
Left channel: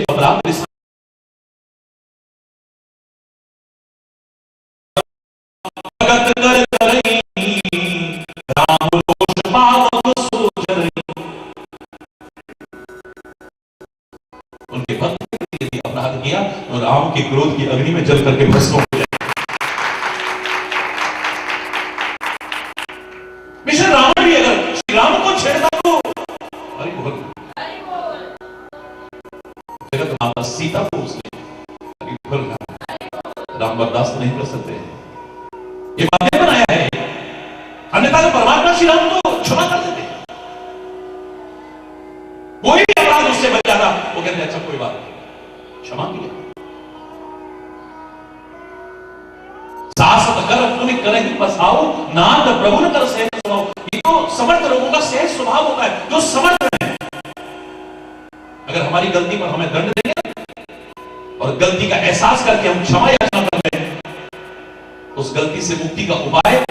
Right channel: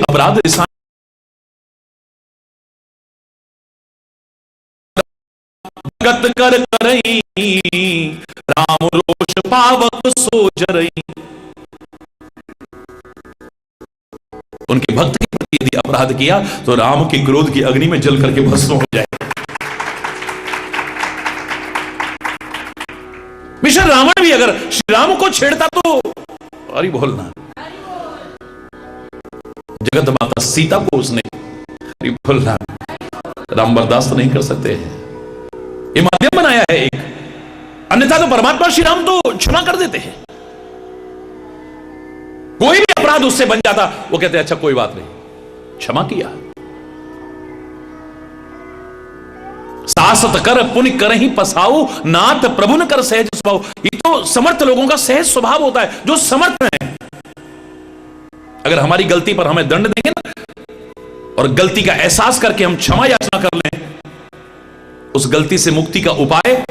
अपराध कर करई, राम रोष पावक सो जरई। उनके भक्त के प्रति यदि अपराध किया तो राम के क्रोध की अग्नि में जल करके भस्म हो जाए। मिशन रावण भी अगर श्री राम को छेड़ता तो अरे बोलना, जगत माता सीता को उसने अरे बोलना, राम बर्दाश्त नहीं कर सकते हैं। ये माध्यम बनाया है एक, अन्यथा तो परमात्मा श्री राम तो क्षमा कर देते हैं। कोई भी अपराध उससे बन जाता, वो कहते हैं अच्छा कोई बात नहीं, क्षमा किया। सासत कर पुण्य कर ही पसाओ, नाथ प्रभु न कर सहज स्वभाव। ये तो समर्थ लोगों का सहज स्वभाव होता है, जो समर्थ है। अगर हमारी गलती पर हमें दंड देंगे ना, और गलती का एहसास करके हम क्षमा याचना कर लें, उस गलती से मुक्ति का उपाय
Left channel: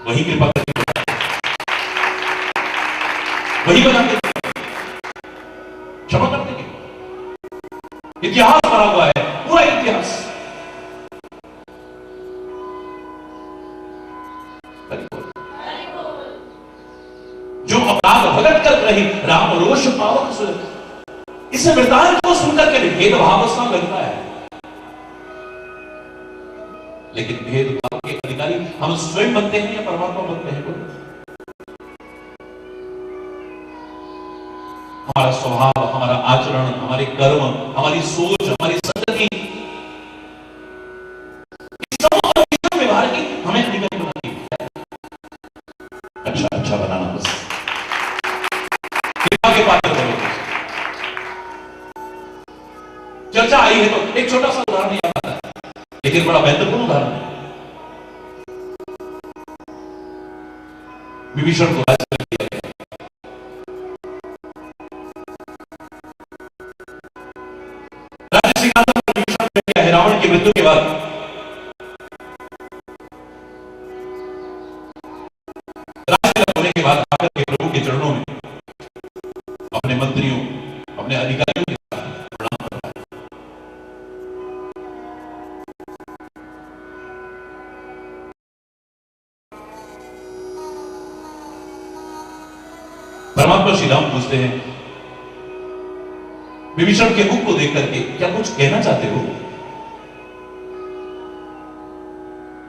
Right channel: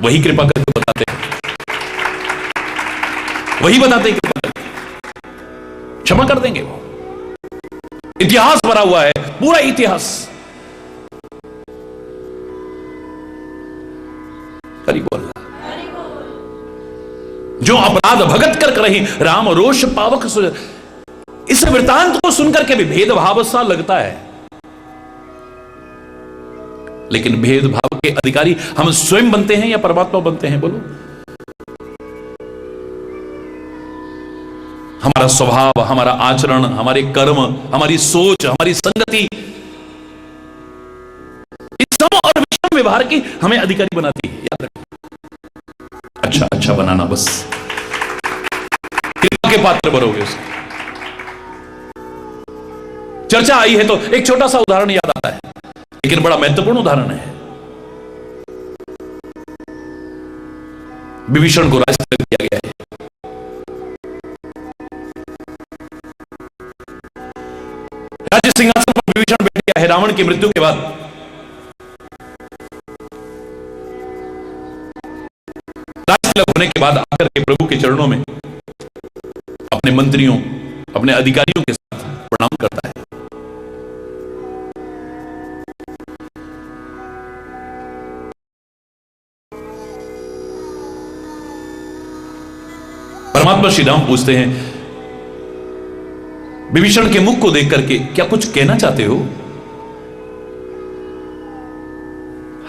वही कृपा करके बताते हैं, वही बताते हैं, क्षमा कर देंगे। वो इतिहास भरा हुआ है, पूरा इतिहास। हरि बोल। जो अपराध भगत कर रही, राम रोष पावक सो। इस वृतांत को सुनकर के भी भेदभाव सा लगता है, लेकिन भेदभाव के अधिकारी हम स्वयं बनते हैं या परमात्मा बनते हैं? बोलो। हमारा स्वभाव, हमारा आचरण, हमारे कर्म, हमारी सोच, हमारी संगति, इस सम और विषम व्यवहार की हमें अधिकारी बनाती है। याद रखिए, अच्छा अच्छा बनाना, बस कृपा के पात्र बनोगे। चर्चा आई है तो एक छोटा सा उदाहरण याद आता है, लेकिन बड़ा महत्वपूर्ण उदाहरण है। विभीषण को राज किया गया है। राज्य सिंहासन पर विभीषण बैठ गया है रावण की मृत्यु के बाद। राज होने के बाद आकर के प्रभु के चरणों में अपने मंत्रियों, अपने अधिकारियों के साथ परमात्मा श्री राम पूछते हैं विभीषण के मुख को देख करके, क्या कुछ कहना चाहते हो?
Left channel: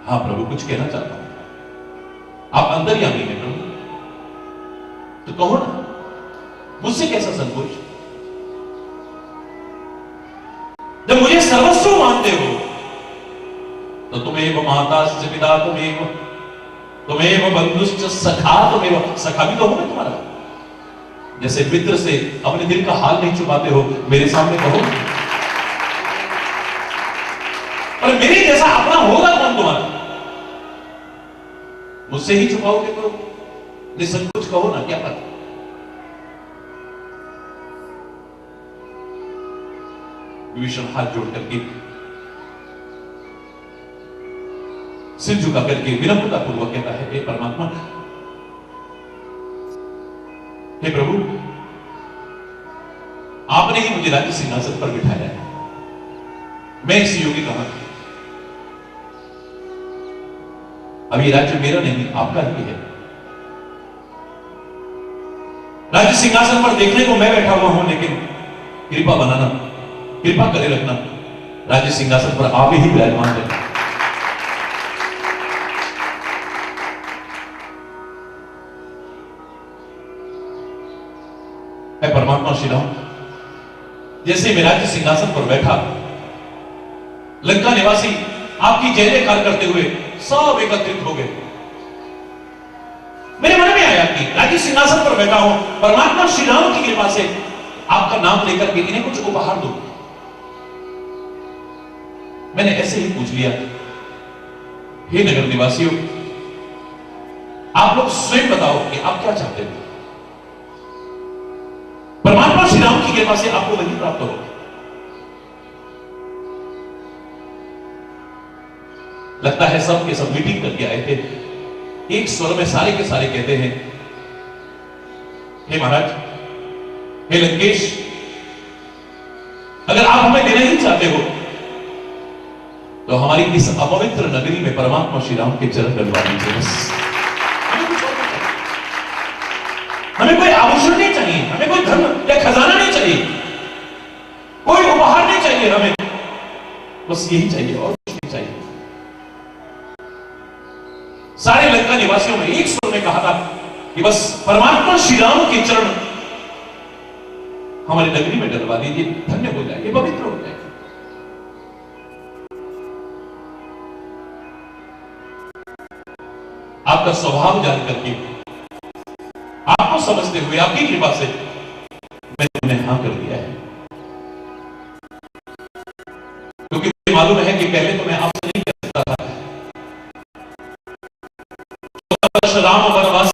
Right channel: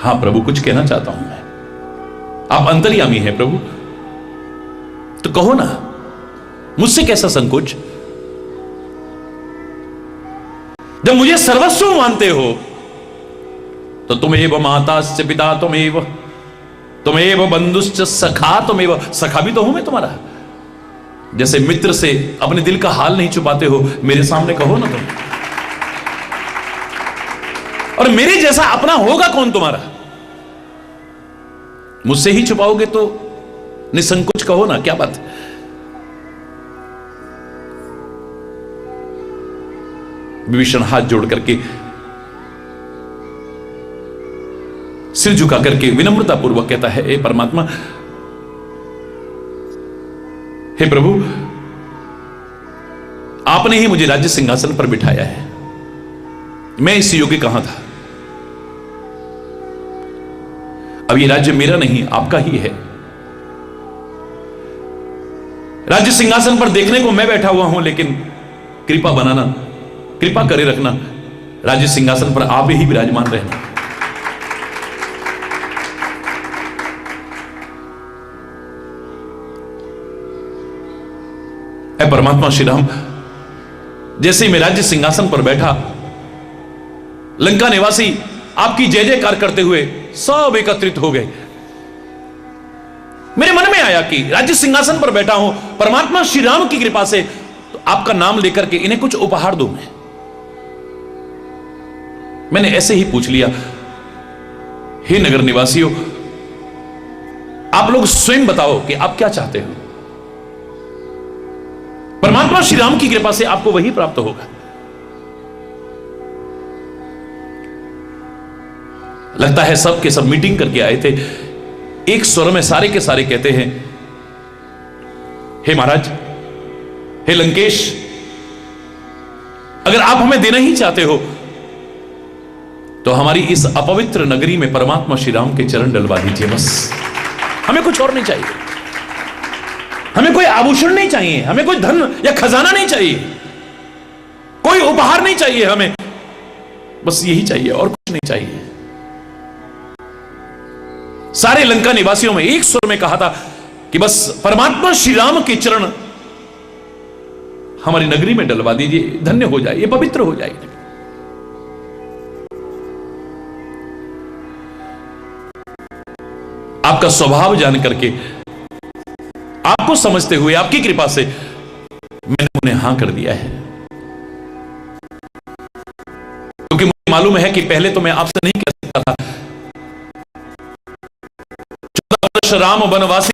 हां प्रभु, कुछ कहना चाहता हूं मैं। आप अंतर्यामी हैं प्रभु, तो कहो ना, मुझसे कैसा संकोच। जब मुझे सर्वस्व मानते हो तो तुमेव माताश्च पिता तुमेव बंधुश्च सखा तुमेव। सखा भी तो हूं मैं तुम्हारा। जैसे मित्र से अपने दिल का हाल नहीं छुपाते हो, मेरे सामने कहो ना। और मेरे जैसा अपना होगा कौन तुम्हारा? मुझसे ही छुपाओगे तो निसंकोच कहो ना, क्या बात है। विभीषण हाथ जोड़ करके, सिर झुका करके विनम्रता पूर्वक कहता है, हे परमात्मा, हे प्रभु, आपने ही मुझे राज्य सिंहासन पर बिठाया है। मैं इस योग्य कहां था? अब ये राज्य मेरा नहीं, आपका ही है। राज्य सिंहासन पर देखने को मैं बैठा हुआ हूं, लेकिन कृपा बनाना, कृपा करे रखना, राज्य सिंहासन पर आप ही विराजमान रहे। ऐ परमात्मा श्री राम, जैसे मैं राज्य सिंहासन पर बैठा, लंका निवासी आपकी जय जयकार करते हुए सब एकत्रित हो गए। मेरे मन में आया कि राज्य सिंहासन पर बैठा हूं परमात्मा श्री राम की कृपा से, तो आपका नाम लेकर के इन्हें कुछ उपहार दो। मैंने ऐसे ही पूछ लिया, हे नगर निवासियों, आप लोग स्वयं बताओ कि आप क्या चाहते हो। परमात्मा श्री राम की कृपा से आपको वही प्राप्त होगा। लगता है सब के सब मीटिंग करके आए थे। एक स्वर में सारे के सारे कहते हैं, हे महाराज, हे लंकेश, अगर आप हमें देना ही चाहते हो तो हमारी इस अपवित्र नगरी में परमात्मा श्री राम के चरण डलवा दीजिए बस। हमें कुछ और नहीं चाहिए, हमें कोई आभूषण नहीं चाहिए, हमें कोई धन या खजाना नहीं चाहिए, कोई उपहार नहीं चाहिए, हमें बस यही चाहिए और कुछ नहीं चाहिए। सारे लंका निवासियों में एक सुर में कहा था कि बस परमात्मा श्री राम के चरण हमारी नगरी में डलवा दीजिए, धन्य हो जाए, ये पवित्र हो जाएगी। आपका स्वभाव जान करके, आपको समझते हुए, आपकी कृपा से मैंने उन्हें हां कर दिया है। क्योंकि मुझे मालूम है कि पहले तो मैं आपसे नहीं कर सकता था। 14 वर्ष राम वनवासी,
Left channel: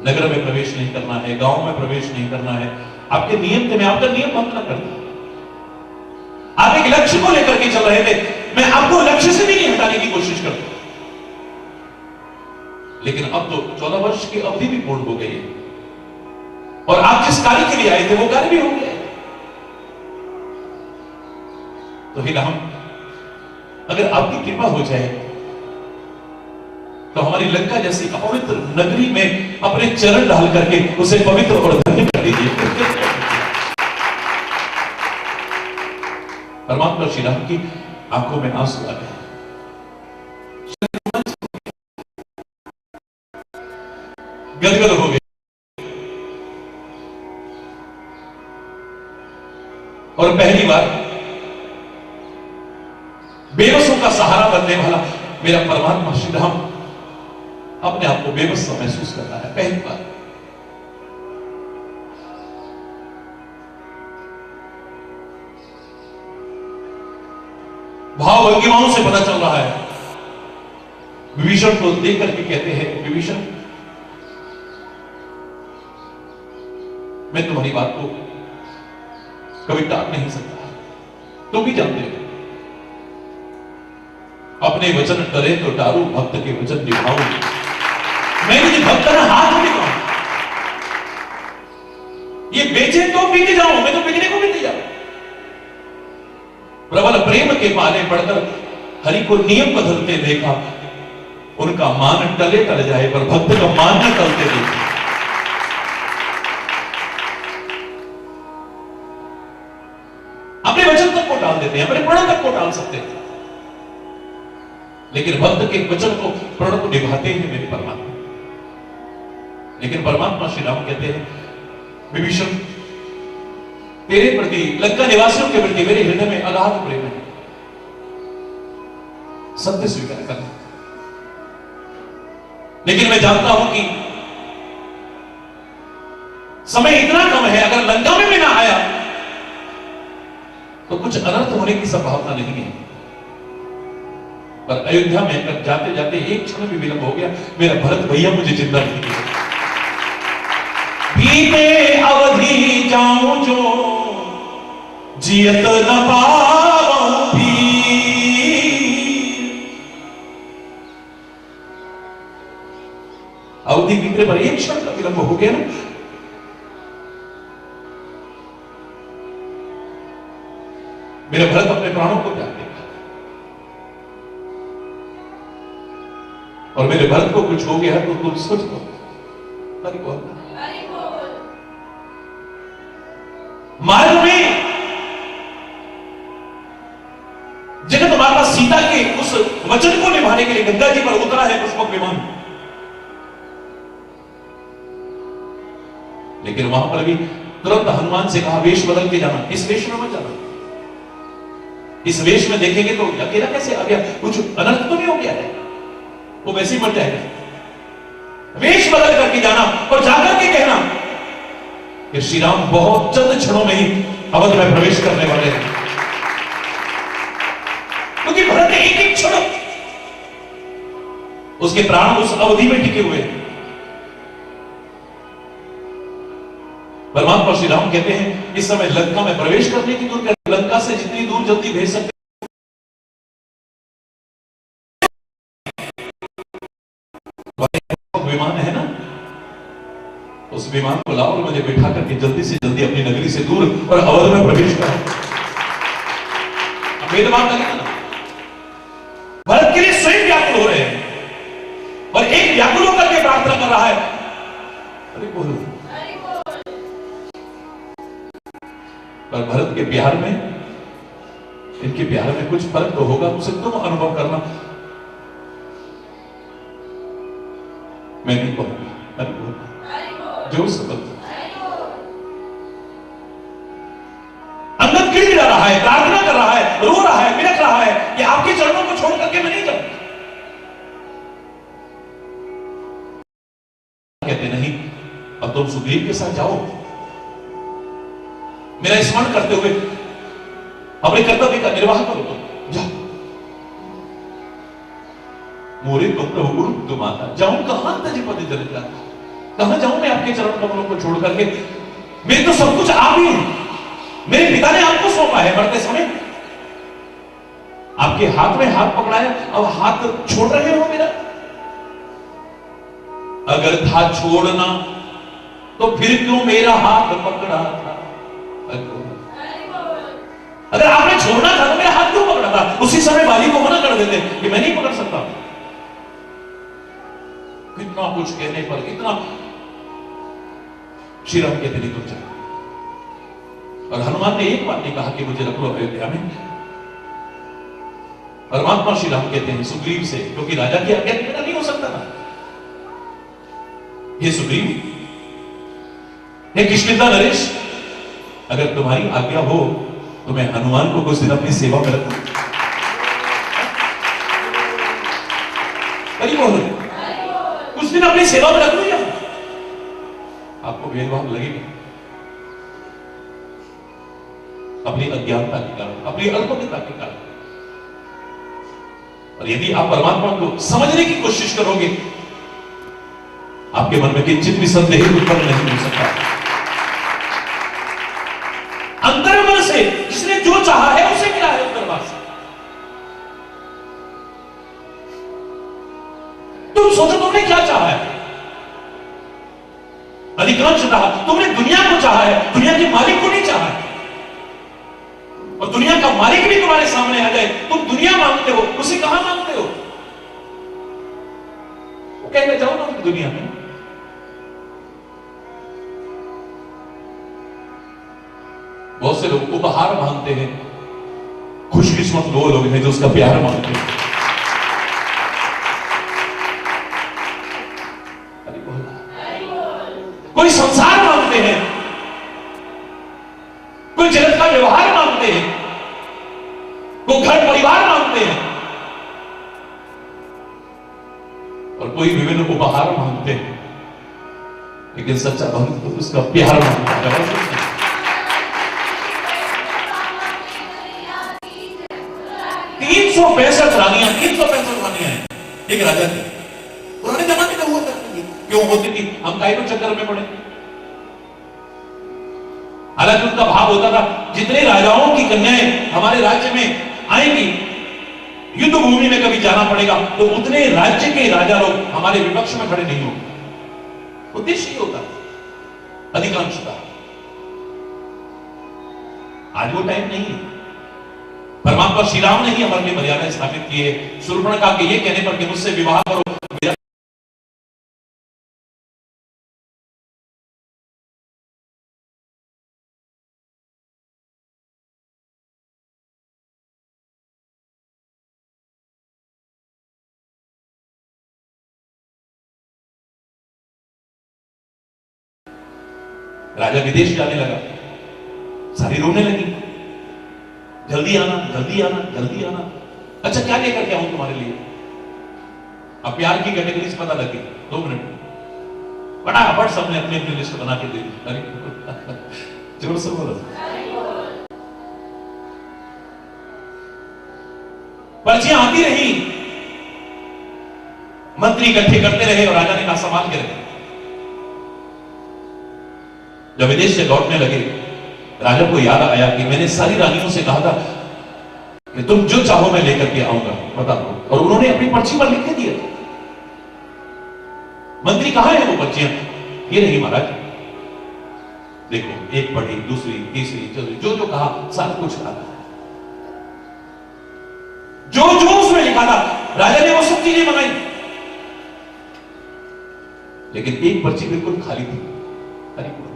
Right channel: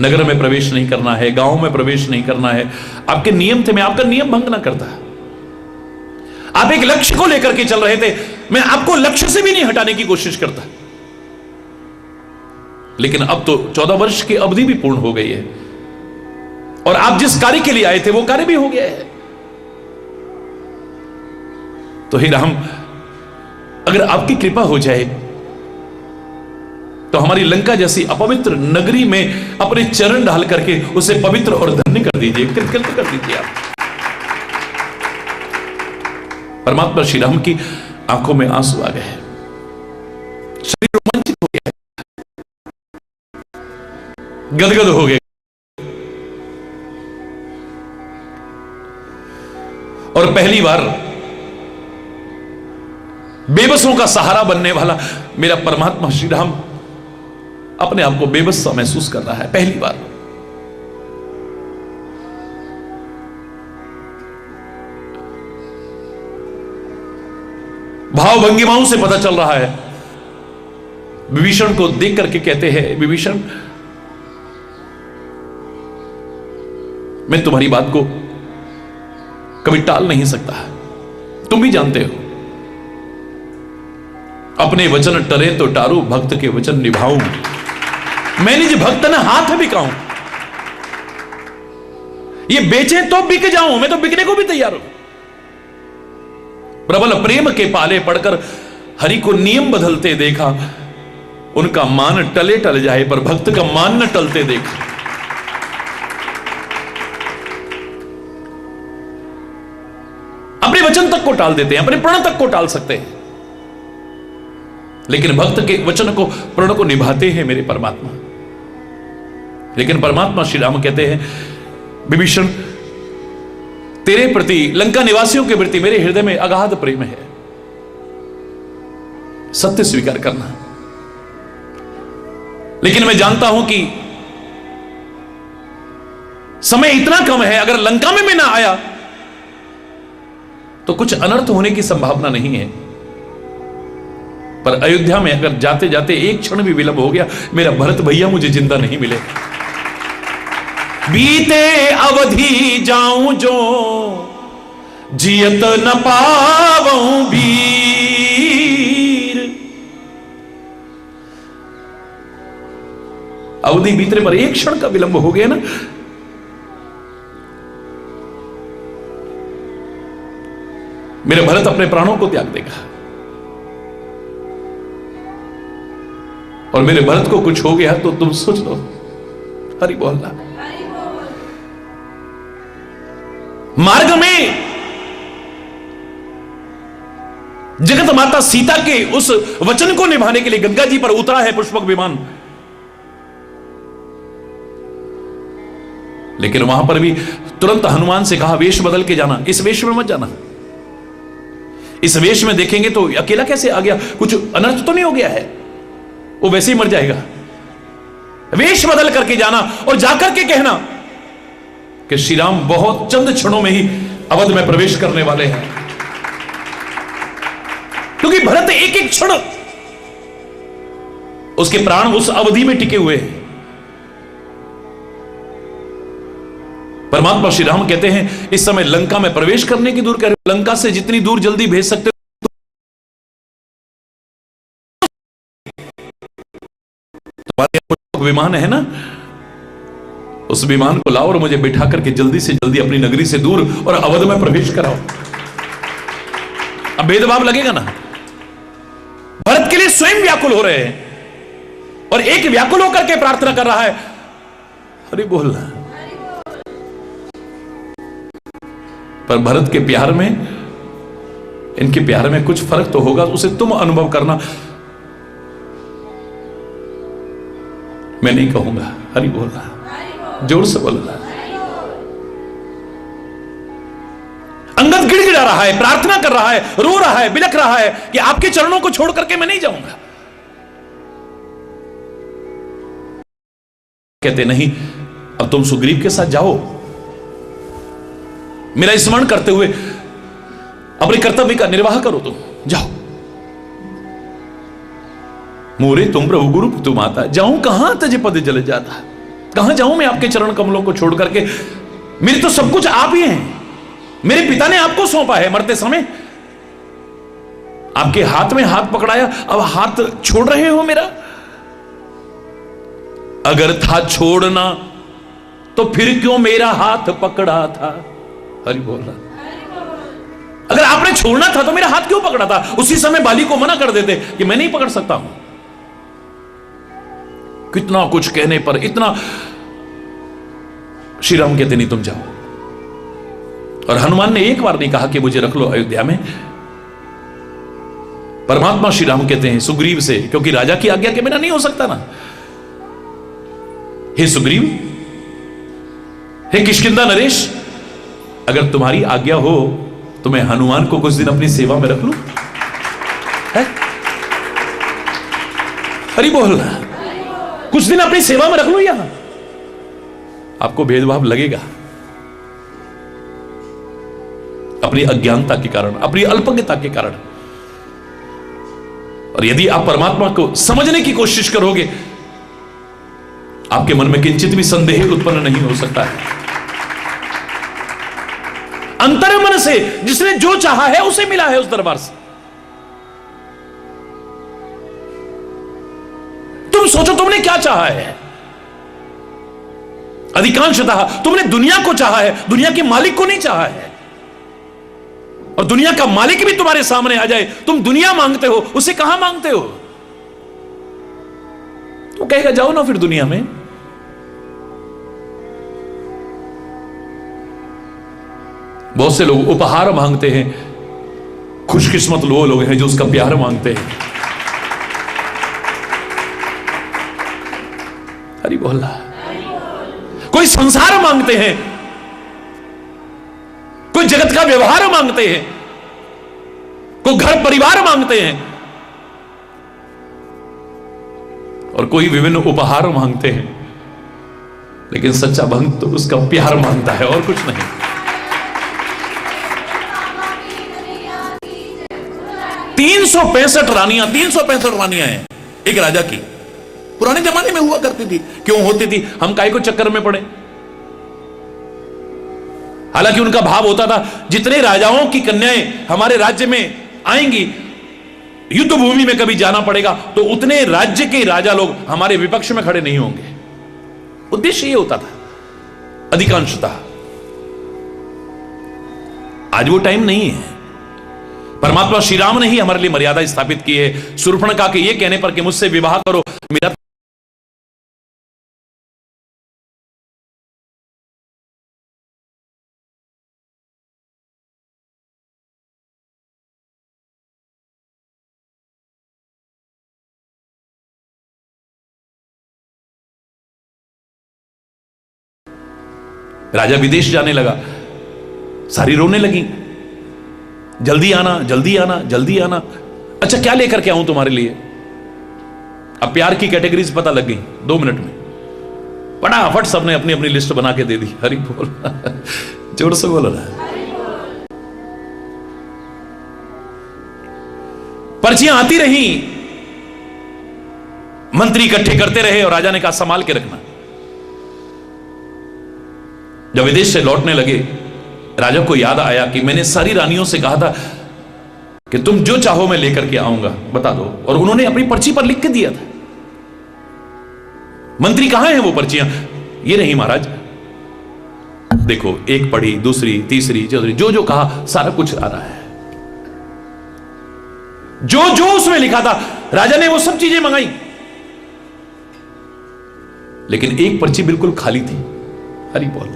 नगर में प्रवेश नहीं करना है, गांव में प्रवेश नहीं करना है, आपके नियम थे, मैं आपका नियम भंग ना करता। आप एक लक्ष्य को लेकर के चल रहे थे, मैं आपको लक्ष्य से भी नहीं हटाने की कोशिश करता। लेकिन अब तो 14 वर्ष की अवधि भी पूर्ण हो गई है और आप जिस कार्य के लिए आए थे वो कार्य भी हो गया है। तो हे राम, अगर आपकी कृपा हो जाए तो हमारी लंका जैसी अपवित्र नगरी में अपने चरण डाल करके उसे पवित्र और धन्य कर दीजिए, कृतज्ञ कर दीजिए। परमात्मा श्री राम की आंखों में आंसू आ गए, शरीर रोमांचित हो गया, गदगद हो गए। और पहली बार बेबसों का सहारा बनने वाला मेरा परमात्मा श्री राम अपने आप को बेबस सा महसूस कर रहा है, पहली बार। भाव भंगिमाओं से पता चल रहा है। विभीषण को देख करके कहते हैं, विभीषण, मैं तुम्हारी बात को कभी टाल नहीं सकता, तुम भी जानते हो। अपने वचन टरे तो टारू, भक्त के वचन निभाऊं। मैं निज भक्त ने हाथ भी कहूं, ये बेचे तो बिक जाऊं, मैं तो बिकने को भी तैयार हूं। प्रबल प्रेम के पाले पड़कर हरि को नियम बदलते देखा, उनका मान टले टल जाए, पर भक्त का मान न टलते देखे। अपने वचन तक को टाल देते हैं, अपने प्रण तक को टाल सकते हैं, लेकिन भक्त के वचन को, प्रण को निभाते हैं मेरे परमात्मा। लेकिन परमात्मा श्री राम कहते हैं, विभीषण तेरे प्रति, लंका निवासियों के प्रति मेरे हृदय में अगाध प्रेम है, सत्य स्वीकार करना। लेकिन मैं जानता हूं कि समय इतना कम है, अगर लंका में भी ना आया तो कुछ अनर्थ होने की संभावना नहीं है, पर अयोध्या में अगर जाते जाते एक क्षण भी विलंब हो गया, मेरा भरत भैया मुझे जिंदा नहीं मिले। बीते अवधि जाऊं जो जियत न पावऊं वीर। अवधि बीतने पर एक क्षण का विलंब हो गया ना, मेरे भरत अपने प्राणों को त्याग देगा, और मेरे भरत को कुछ हो गया तो तुम सोच लो। हरि बोलना। मार्ग में जगत माता सीता के उस वचन को निभाने के लिए गंगा जी पर उतरा है पुष्पक विमान, लेकिन वहां पर भी तुरंत हनुमान से कहा वेश बदल के जाना, इस वेश में मत जाना, इस वेश में देखेंगे तो अकेला कैसे आ गया, कुछ अनर्थ तो नहीं हो गया है, वो वैसे ही मर जाएगा। वेश बदल करके जाना और जाकर के कहना कि श्री राम बहुत चंद क्षणों में ही अवध में प्रवेश करने वाले हैं, क्योंकि भरत एक एक क्षण उसके प्राण उस अवधि में टिके हुए हैं। परमात्मा श्री राम कहते हैं इस समय लंका में प्रवेश करने की दूर कर, लंका से जितनी दूर जल्दी भेज सकते हो, विमान है ना, उस विमान को लाओ और मुझे बिठा करके जल्दी से जल्दी अपनी नगरी से दूर और अवध में प्रवेश कराओ। अब भेदभाव लगेगा ना, भरत के लिए स्वयं व्याकुल हो रहे हैं और एक व्याकुल होकर के प्रार्थना कर रहा है, अरे बोलना। पर भरत के प्यार में, इनके प्यार में कुछ फर्क तो होगा, उसे तुम अनुभव करना, मैं नहीं कहूंगा। हरि बोलना, जोर से बोलना। अंगद गिड़गिड़ा रहा है, प्रार्थना कर रहा है, रो रहा है, बिलख रहा है कि आपके चरणों को छोड़ करके मैं नहीं जाऊंगा। कहते नहीं, अब तुम सुग्रीव के साथ जाओ, मेरा स्मरण करते हुए अपने कर्तव्य का निर्वाह करो, तुम जाओ। मोरे तुम प्रभु गुरु तुम आता, जाऊं कहां तज पद जल जाता, कहां जाऊं मैं आपके चरण कमलों को छोड़ करके, मेरे तो सब कुछ आप ही हैं, मेरे पिता ने आपको सौंपा है, मरते समय आपके हाथ में हाथ पकड़ाया, अब हाथ छोड़ रहे हो मेरा। अगर था छोड़ना तो फिर क्यों मेरा हाथ पकड़ा था। हरि बोलना। अगर आपने छोड़ना था तो मेरा हाथ क्यों पकड़ा था, उसी समय बाली को मना कर देते कि मैं नहीं पकड़ सकता हूं। कितना कुछ कहने पर इतना, श्री राम कहते नहीं तुम जाओ। और हनुमान ने एक बार नहीं कहा कि मुझे रख लो अयोध्या में। परमात्मा श्री राम कहते हैं सुग्रीव से, क्योंकि राजा की आज्ञा के बिना नहीं हो सकता ना, हे सुग्रीव, हे किष्किंधा नरेश, अगर तुम्हारी आज्ञा हो तो मैं हनुमान को कुछ दिन अपनी सेवा में रख लूं। हरि बोल, कुछ दिन अपनी सेवा में रख लूं। यहां आपको भेदभाव लगेगा अपनी अज्ञानता के कारण, अपनी अल्पज्ञता के कारण, और यदि आप परमात्मा को समझने की कोशिश करोगे, आपके मन में किंचित भी संदेह उत्पन्न नहीं हो सकता है। अंतर्मन से जिसने जो चाहा है उसे मिला है उस दरबार से। तुम सोचो तुमने क्या चाहा है। अधिकांशतः तुमने दुनिया को चाहा है, दुनिया के मालिक को नहीं चाहा है। और दुनिया का मालिक भी तुम्हारे सामने आ जाए, तुम दुनिया मांगते हो, उसे कहां मांगते हो। कहेगा जाओ ना फिर दुनिया में। बहुत से लोग उपहार मांगते हैं, खुशकिस्मत वो लोग हैं जो उसका प्यार मांगते हैं। हरि बोल। कोई संसार मांगते हैं, कोई जगत का व्यवहार मांगते हैं, कोई घर परिवार मांगते हैं, और कोई विभिन्न उपहार मांगते हैं। लेकिन सच्चा भक्त तो उसका प्यार मांगता है और कुछ नहीं। 365 रानियां हैं एक राजा की। पुराने जमाने में हुआ करती थी। क्यों होती थी? हम काहे को चक्कर में पड़े। हालांकि उनका भाव होता था जितने राजाओं की कन्याएं हमारे राज्य में आएंगी, युद्ध भूमि में कभी जाना पड़ेगा तो उतने राज्य के राजा लोग हमारे विपक्ष में खड़े नहीं होंगे। उद्देश्य ये होता था अधिकांशतः। आज वो टाइम नहीं है। परमात्मा श्री राम ने ही हमारे लिए मर्यादा स्थापित की है। शूर्पणखा के ये कहने पर कि मुझसे विवाह करो, मेरा राजा विदेश जाने लगा, सारी रोने लगी, जल्दी आना जल्दी आना जल्दी आना। अच्छा क्या लेकर के आऊं तुम्हारे लिए? अब प्यार की कैटेगरीज पता लग गई 2 मिनट में। फटाफट सबने अपनी अपनी लिस्ट बना के दे दी। हरि बोल। जोर से बोलो ना। पर्चियां आती रही, मंत्री इकट्ठे करते रहे और राजा ने कहा संभाल के रखना। जब विदेश से लौटने लगे, राजा को याद आया कि मैंने सारी रानियों से कहा था कि तुम जो चाहो मैं लेकर के आऊंगा, बता दो। और उन्होंने अपनी पर्ची पर लिख के दिया था। मंत्री कहां है वो पर्चियां? ये नहीं महाराज, देखो एक पढ़ी, दूसरी, तीसरी, चौथी, जो जो कहा सारा कुछ आ रहा है। जो जो उसमें लिखा था राजा ने वो सब चीजें मंगाई, लेकिन एक पर्ची बिल्कुल खाली थी। हरि बोल।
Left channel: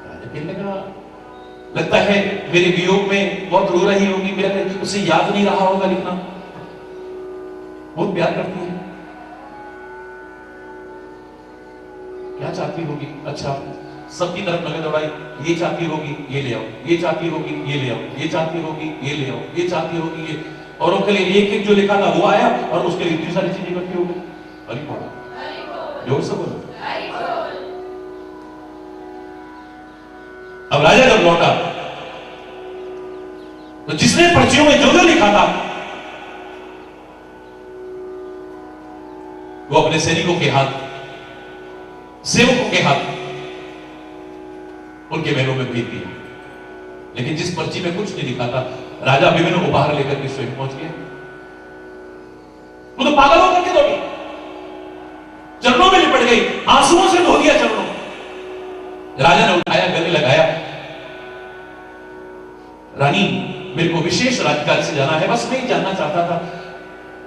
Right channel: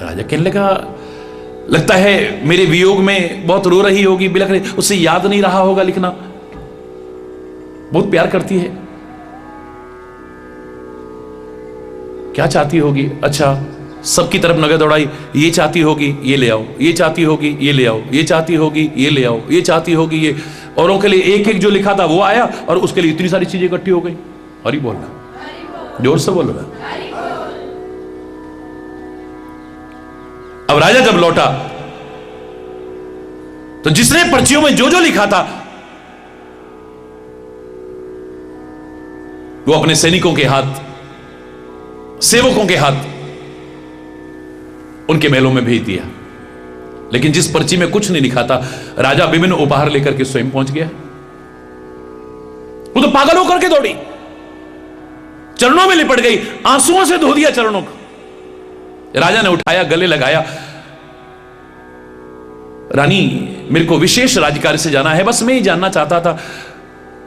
राजा कहने लगा लगता है मेरे वियोग में बहुत रो रही होगी, बिलख रही, उसे याद नहीं रहा होगा लिखना, बहुत प्यार करती है, क्या चाहती होगी? अच्छा सबकी तरफ नजर दौड़ाई, ये चाहती होगी ये ले आओ, ये चाहती होगी ये ले आओ, ये चाहती होगी ये ले आओ, ये चाहती होगी ये। औरों के लिए एक एक जो लिखा था वो आया और उसके लिए इतनी सारी चीजें इकट्ठी हो गई। हरि बोल। जोर से बोलो। अब राजा जब लौटा तो जिसने पर्चियों में जो जो लिखा था वो अपने सैनिकों के हाथ, सेवकों के हाथ उनके महलों में भेज दिया। लेकिन जिस पर्ची में कुछ नहीं लिखा था, राजा विभिन्न उपहार लेकर के स्वयं पहुंच गया। वो तो पागल होकर के दौड़ी, चरणों में लिपट गई, आंसुओं से धो दिया चरणों को। राजा ने उठाया, गले लगाया, रानी मेरे को विशेष राजकार्य से जाना है, बस मैं ही जानना चाहता था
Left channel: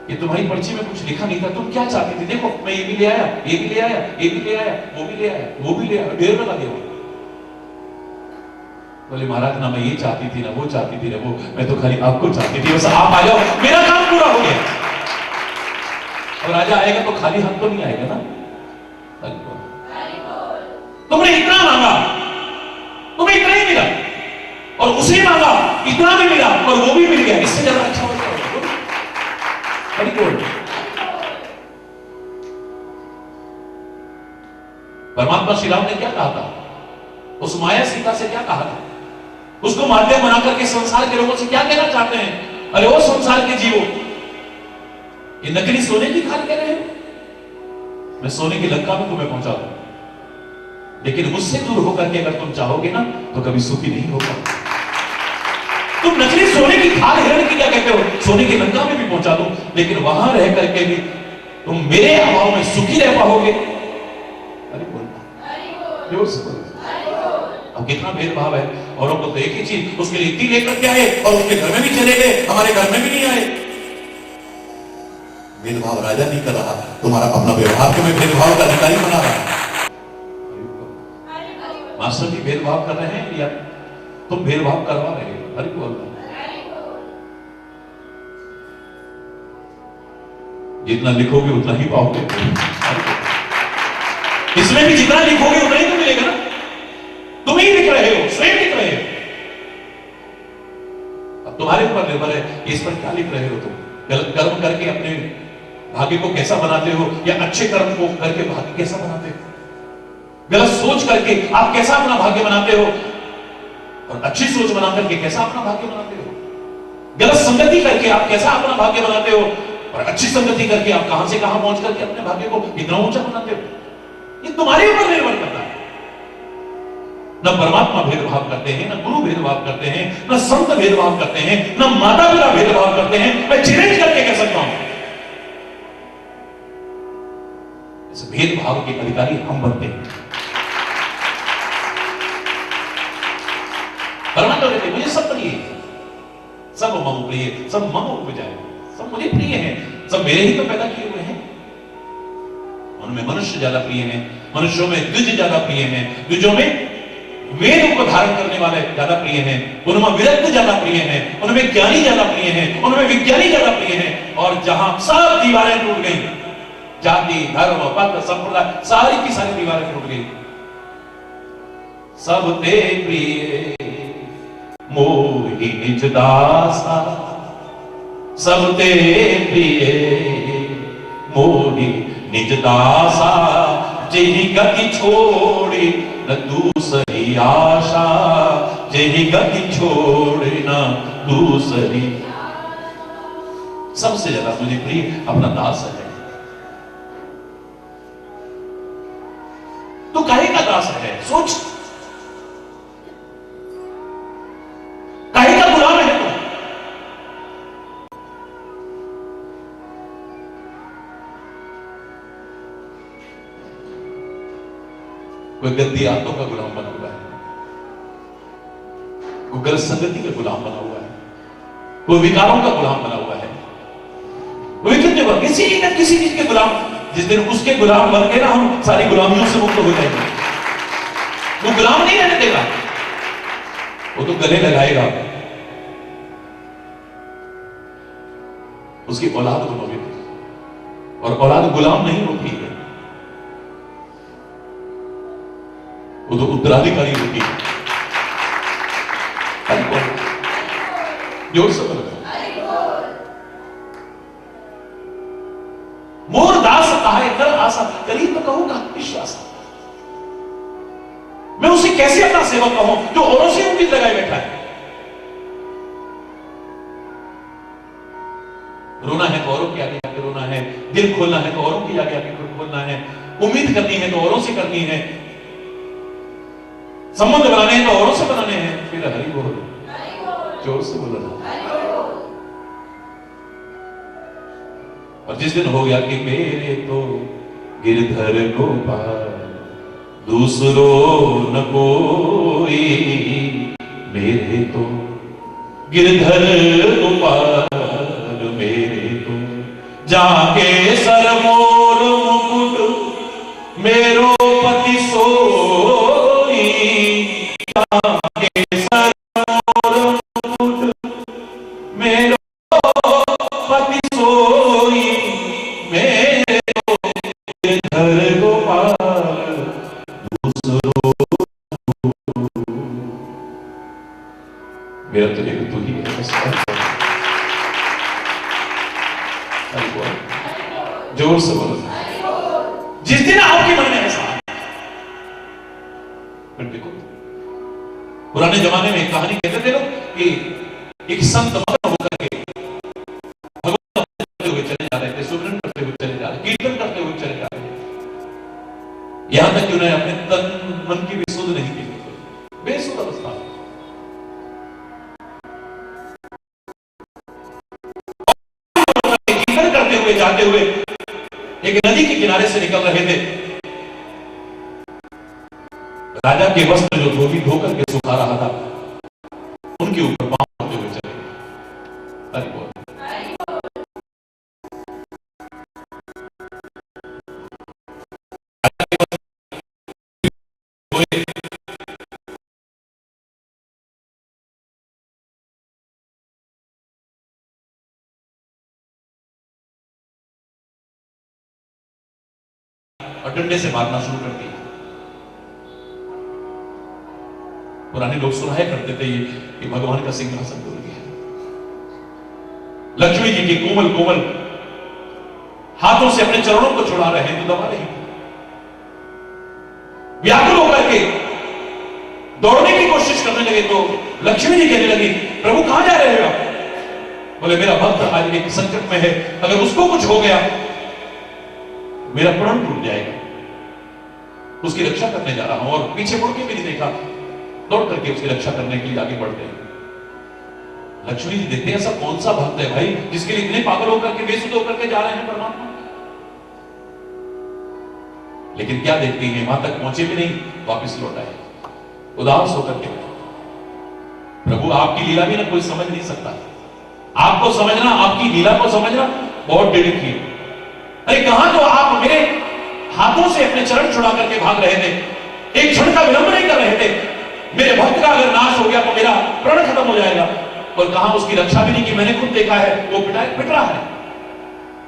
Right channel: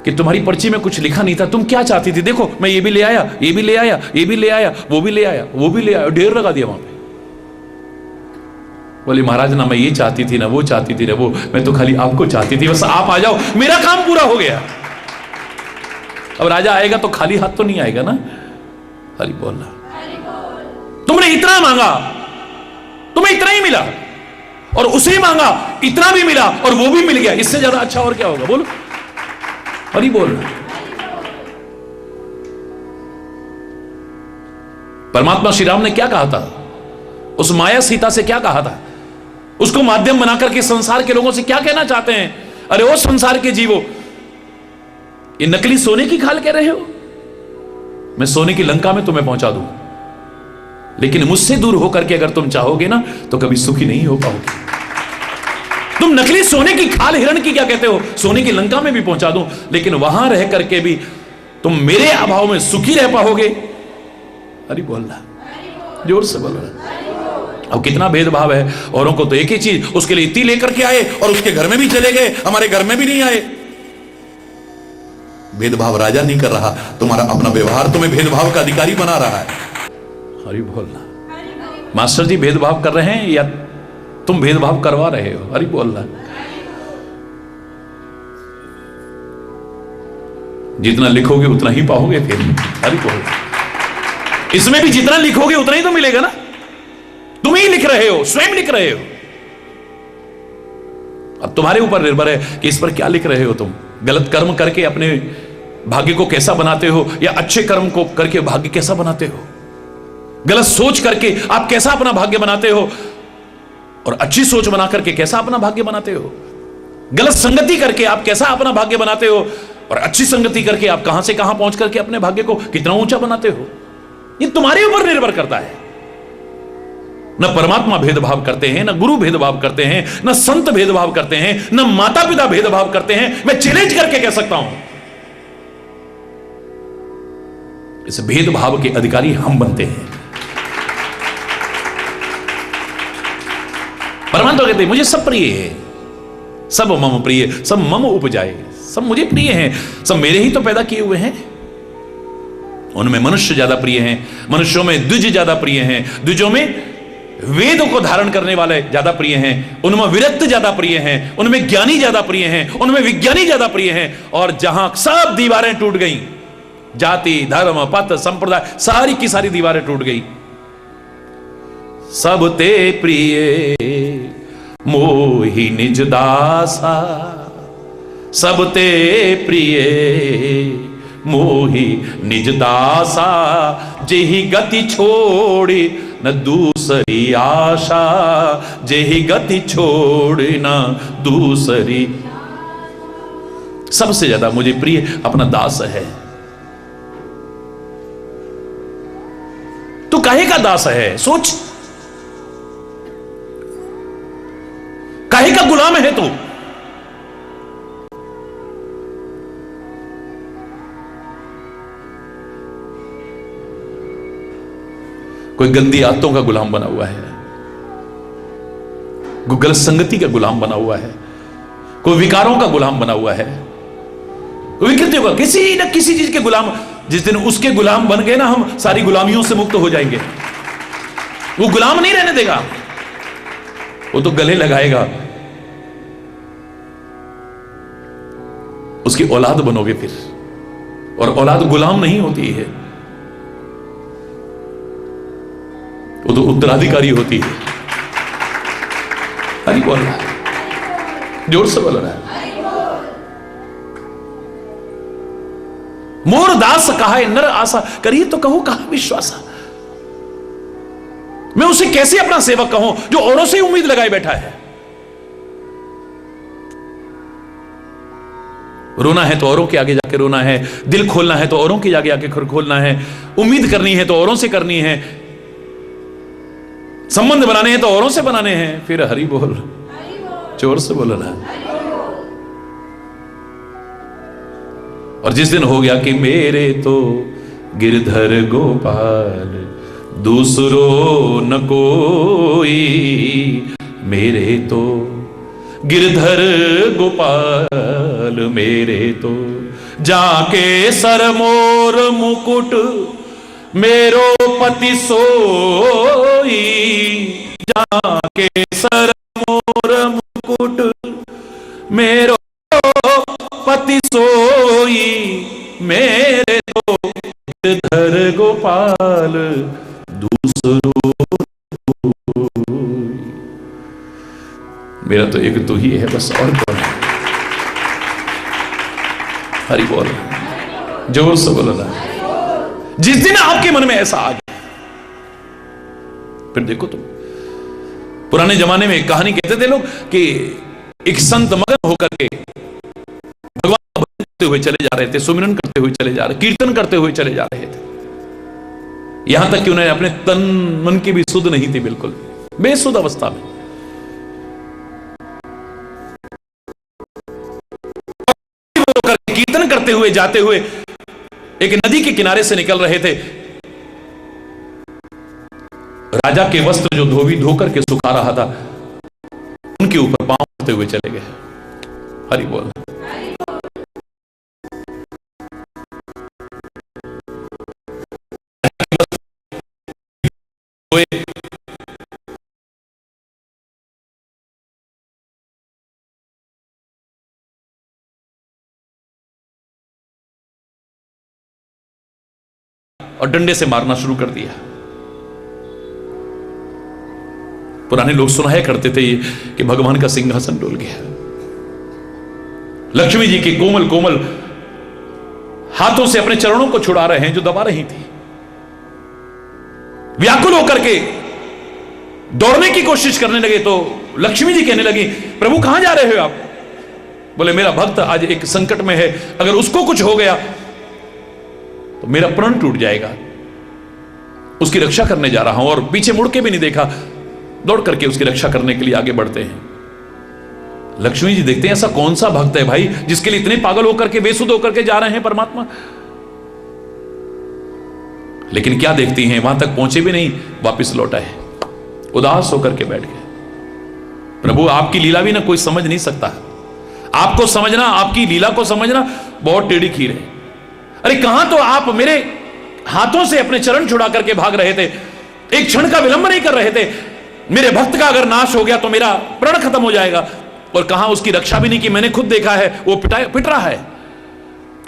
कि तुम्हारी पर्ची में कुछ लिखा नहीं था, तुम क्या चाहती थी? देखो मैं ये भी ले आया, ये भी ले आया, ये भी ले आया, वो भी ले आया, वो भी ले आया, ढेर लगा दिया वहां पे। बोली महाराज ना मैं ये चाहती थी ना वो चाहती थी ना वो, मैं तो खाली आपको चाहती थी, बस आप आ जाओ मेरा काम पूरा हो गया। अब राजा आएगा तो खाली हाथ तो नहीं आएगा ना। हरि बोलना। तुमने इतना मांगा, तुम्हें इतना ही मिला, और उसे मांगा इतना भी मिला और वो भी मिल गया, इससे ज्यादा अच्छा और क्या होगा? बोलो। हरि बोल। परमात्मा श्री राम ने क्या कहा था? उस माया सीता से क्या कहा था? उसको माध्यम बनाकर के संसार के लोगों से क्या कहना चाहते हैं? अरे ओ संसार के जीवो, ये नकली सोने की खाल कह रहे हो? मैं सोने की लंका में तुम्हें पहुंचा दूं, लेकिन मुझसे दूर होकर के अगर तुम चाहोगे ना तो कभी सुखी नहीं हो पाओगे। तुम नकली सोने की खाल हिरण की क्या कहते हो? सोने की लंका में भी पहुंचा दो, लेकिन वहां रह करके भी तुम मेरे अभाव में सुखी रह पाओगे। हरि बोलना, जोर से बोलना। अब कितना भेदभाव है। औरों को तो एक ही चीज, उसके लिए इतनी लेकर के आए और उसके घर में भी चले गए, हमारे घर में भी नहीं आए। भेदभाव राजा नहीं कर रहा, तुम्हारा अपना व्यवहार तुम्हें भेदभाव का अधिकारी बना रहा है। हरि बोलना। मास्टर जी भेदभाव कर रहे हैं या तुम भेदभाव करवा रहे हो? हरि बोलना। जितना लिखोगे उतना ही पाओगे फिर। हरि बोलना। इसमें भी जितना लिखोगे उतना ही तो मिलेगा ना। तुम ही लिख रहे हो, स्वयं लिख रहे हो। अब तुम्हारे ऊपर निर्भर है कि इस पर क्या लिख रहे हो। तुम गलत कर्म करके अपने भाग्य को कैसा बनाते हो या अच्छे कर्म को करके भाग्य कैसा बनाते हो। गलत सोच करके आप कैसा अपना भाग्य बनाते हो और अच्छी सोच बना करके कैसा अपना भाग्य बनाते हो। गलत संगति करके आप कैसा अपना भाग्य बनाते हो और अच्छी संगति करके आप कहां से कहां पहुंच करके अपने भाग्य को कितना ऊंचा बनाते हो। ये तुम्हारे ऊपर निर्भर करता है। न परमात्मा भेदभाव करते हैं, न गुरु भेदभाव करते हैं, न संत भेदभाव करते हैं, न माता पिता भेदभाव करते हैं। मैं चैलेंज करके कह सकता हूं, इस भेदभाव के अधिकारी हम बनते हैं। परमात्मा कहते हैं मुझे सब प्रिय है, सब मम प्रिय, सब मम उपजाए, सब मुझे प्रिय हैं, सब मेरे ही तो पैदा किए हुए हैं। उनमें मनुष्य ज्यादा प्रिय हैं, मनुष्यों में द्विज ज्यादा प्रिय हैं, द्विजों में वेद को धारण करने वाले ज्यादा प्रिय हैं, उनमें विरक्त ज्यादा प्रिय हैं, उनमें ज्ञानी ज्यादा प्रिय हैं, उनमें विज्ञानी ज्यादा प्रिय हैं। और जहां सब दीवारें टूट गई, जाति धर्म पंथ संप्रदाय सारी की सारी दीवारें टूट गई। सब ते प्रिय मोहि निज दासा, सब ते प्रिय मोहि निज दासा, जेहि गति छोड़ी न दूसरी आशा, जेहि गति छोड़ी न दूसरी। सबसे ज्यादा मुझे प्रिय अपना दास है। तू काहे का दास है? सोच, काहे का गुलाम है तू? कोई गंदी आदतों का गुलाम बना हुआ है, कोई गलत संगति का गुलाम बना हुआ है, कोई विकारों का गुलाम बना हुआ है, कोई कहते हुआ किसी न किसी चीज के गुलाम। जिस दिन उसके गुलाम बन गए ना, हम सारी गुलामियों से मुक्त हो जाएंगे। वो गुलाम नहीं रहने देगा, वो तो गले लगाएगा। उसकी औलाद बनोगे फिर, और औलाद गुलाम नहीं होती है, वो तो उत्तराधिकारी होती है। हरि बोल, जोर से बोल रहा है। मोर दास कहाय नर आशा, करिए तो कहो कहा विश्वासा। मैं उसे कैसे अपना सेवक कहूं जो औरों से उम्मीद लगाए बैठा है। रोना है तो औरों के आगे जाके रोना है, दिल खोलना है तो औरों के आगे आके खोलना है, उम्मीद करनी है तो औरों से करनी है, संबंध बनाने हैं तो औरों से बनाने हैं। फिर हरि बोल, जोर से बोलना। और जिस दिन हो गया कि मेरे तो गिरधर गोपाल दूसरो न कोई, मेरे तो गिरधर गोपाल मेरे तो, जाके सरमोर मुकुट मेरो पति सोई, जाके सरमोर मुकुट मेरो पति सोई, मेरे तो गिरधर गोपाल दूसरो। मेरा तो एक तू ही है बस, और कौन? हरि बोल, जोर से बोलना। जिस दिन आपके मन में ऐसा आ जाए, फिर देखो तुम। पुराने जमाने में एक कहानी कहते थे लोग कि एक संत मगन होकर के भगवान करते हुए चले जा रहे थे, सुमिरन करते हुए चले जा रहे, कीर्तन करते हुए चले जा रहे थे, यहां तक कि उन्हें अपने तन मन की भी सुध नहीं थी, बिल्कुल बेसुध अवस्था में। कीर्तन करते हुए जाते हुए एक नदी के किनारे से निकल रहे थे। राजा के वस्त्र जो धोबी धोकर के सुखा रहा था, उनके ऊपर पांव होते हुए चले गए। हरि बोल। और डंडे से मारना शुरू कर दिया। पुराने लोग सुनाया करते थे कि भगवान का सिंहासन डोल गया। लक्ष्मी जी के कोमल कोमल हाथों से अपने चरणों को छुड़ा रहे हैं जो दबा रही थी। व्याकुल होकर के दौड़ने की कोशिश करने लगे तो लक्ष्मी जी कहने लगी, प्रभु कहां जा रहे हो आप? बोले मेरा भक्त आज एक संकट में है, अगर उसको कुछ हो गया तो मेरा प्राण टूट जाएगा, उसकी रक्षा करने जा रहा हूं। और पीछे मुड़ के भी नहीं देखा, दौड़ करके उसकी रक्षा करने के लिए आगे बढ़ते हैं। लक्ष्मी जी देखते हैं ऐसा कौन सा भक्त है भाई जिसके लिए इतने पागल होकर के बेसुध होकर के जा रहे हैं परमात्मा। लेकिन क्या देखती हैं, वहां तक पहुंचे भी नहीं, वापस लौट आए, उदास होकर के बैठ गए। प्रभु आपकी लीला भी ना कोई समझ नहीं सकता। आपको समझना, आपकी लीला को समझना बहुत टेढ़ी खीर है। अरे कहां तो आप मेरे हाथों से अपने चरण छुड़ा करके भाग रहे थे, एक क्षण का विलंब नहीं कर रहे थे। मेरे भक्त का अगर नाश हो गया तो मेरा प्राण खत्म हो जाएगा, और कहां उसकी रक्षा भी नहीं की। मैंने खुद देखा है वो पिट रहा है,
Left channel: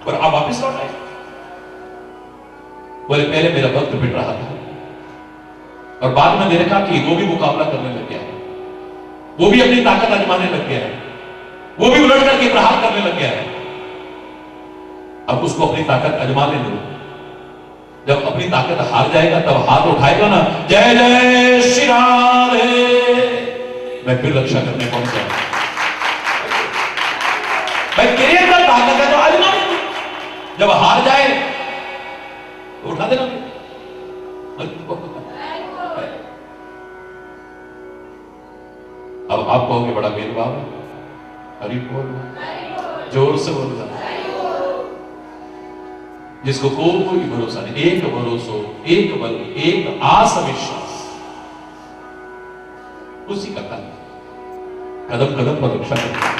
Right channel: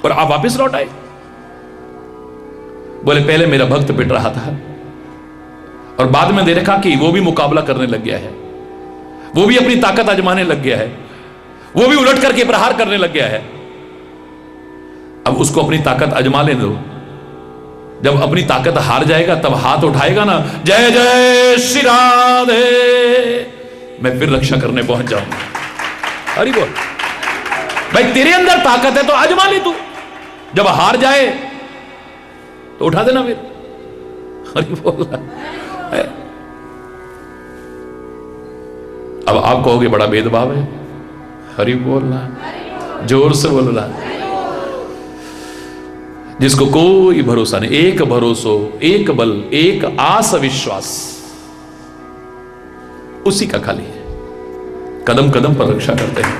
और आप वापस लौट आए। बोले पहले मेरा भक्त पिट रहा था और बाद में देखा कि वो भी मुकाबला करने लग गया है, वो भी अपनी ताकत आजमाने लग गया है, वो भी उलट करके प्रहार करने लग गया है। अब उसको अपनी ताकत आजमा ले दो। जब अपनी ताकत हार जाएगा तब हाथ उठाएगा ना, जय जय श्री राधे, मैं फिर रक्षा करने पहुंच जाऊंगा। हरि बोल। भाई तेरे अंदर ताकत है तो आजमा ले तू, जब हार जाए तो उठा देना फिर। हरि बोल। अब आप कहोगे बड़ा भेदभाव है। हरि बोलना, जोर से बोलना। जिसको कोई भरोसा नहीं, एक भरोसो, एक बल, एक आस विश्वास, उसी का खाली है, कदम कदम पर रक्षा करते हैं।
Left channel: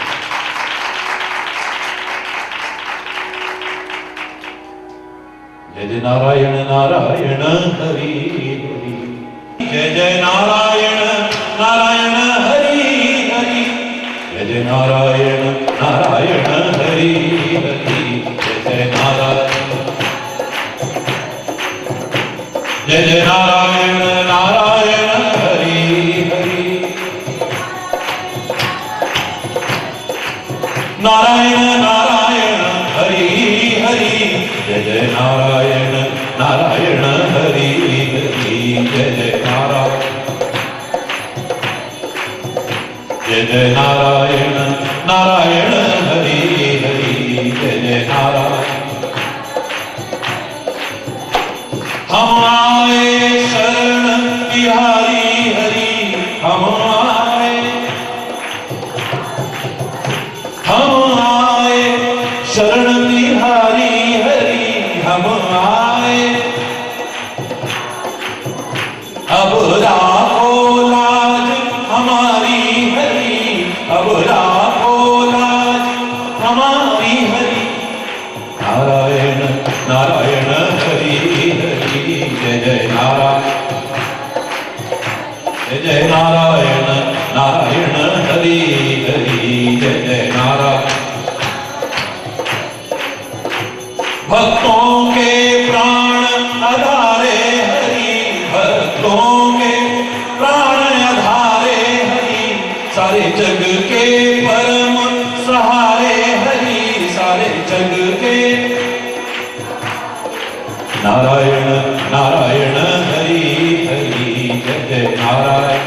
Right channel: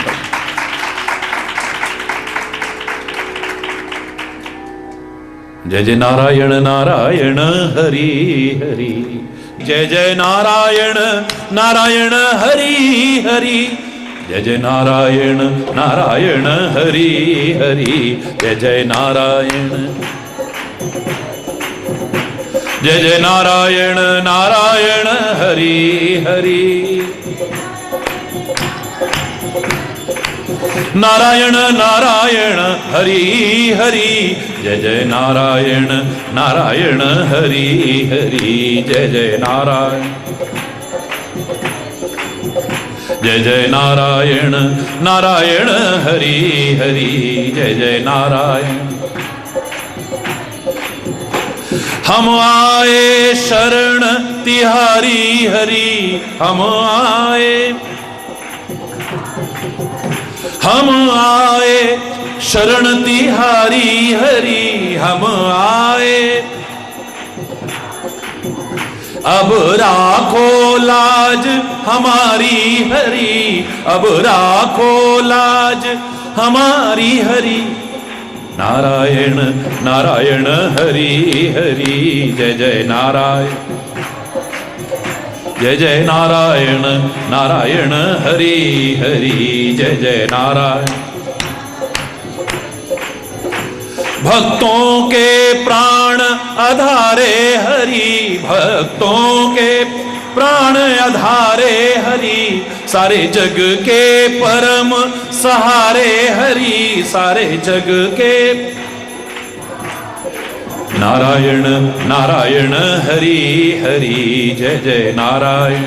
जय जय नारायण नारायण हरि हरि, जय जय नारायण नारायण हरि हरि, जय जय नारायण नारायण हरि हरि, जय जय नारायण, जय जय नारायण नारायण हरि हरि, नारायण नारायण हरि हरि, जय जय नारायण नारायण हरि हरि, जय जय नारायण, जय जय नारायण नारायण हरि हरि, जय जय नारायण। हम आए शरण तिहारी हरि, हम आए शरण तिहारी हरि, हम आए। अब राखो लाज हमारी हरि, अब राखो लाज हमारी हरि, नारायण नारायण हरि हरि, जय जय नारायण, जय जय नारायण नारायण हरि हरि, जय जय नारायण। भक्तों के प्राण आधारे हरि, भक्तों के प्राण आधारे हरि, सारे जग के परम सहारे हरि, सारे जग के नारायण नारायण हरि हरि, जय जय नारायण,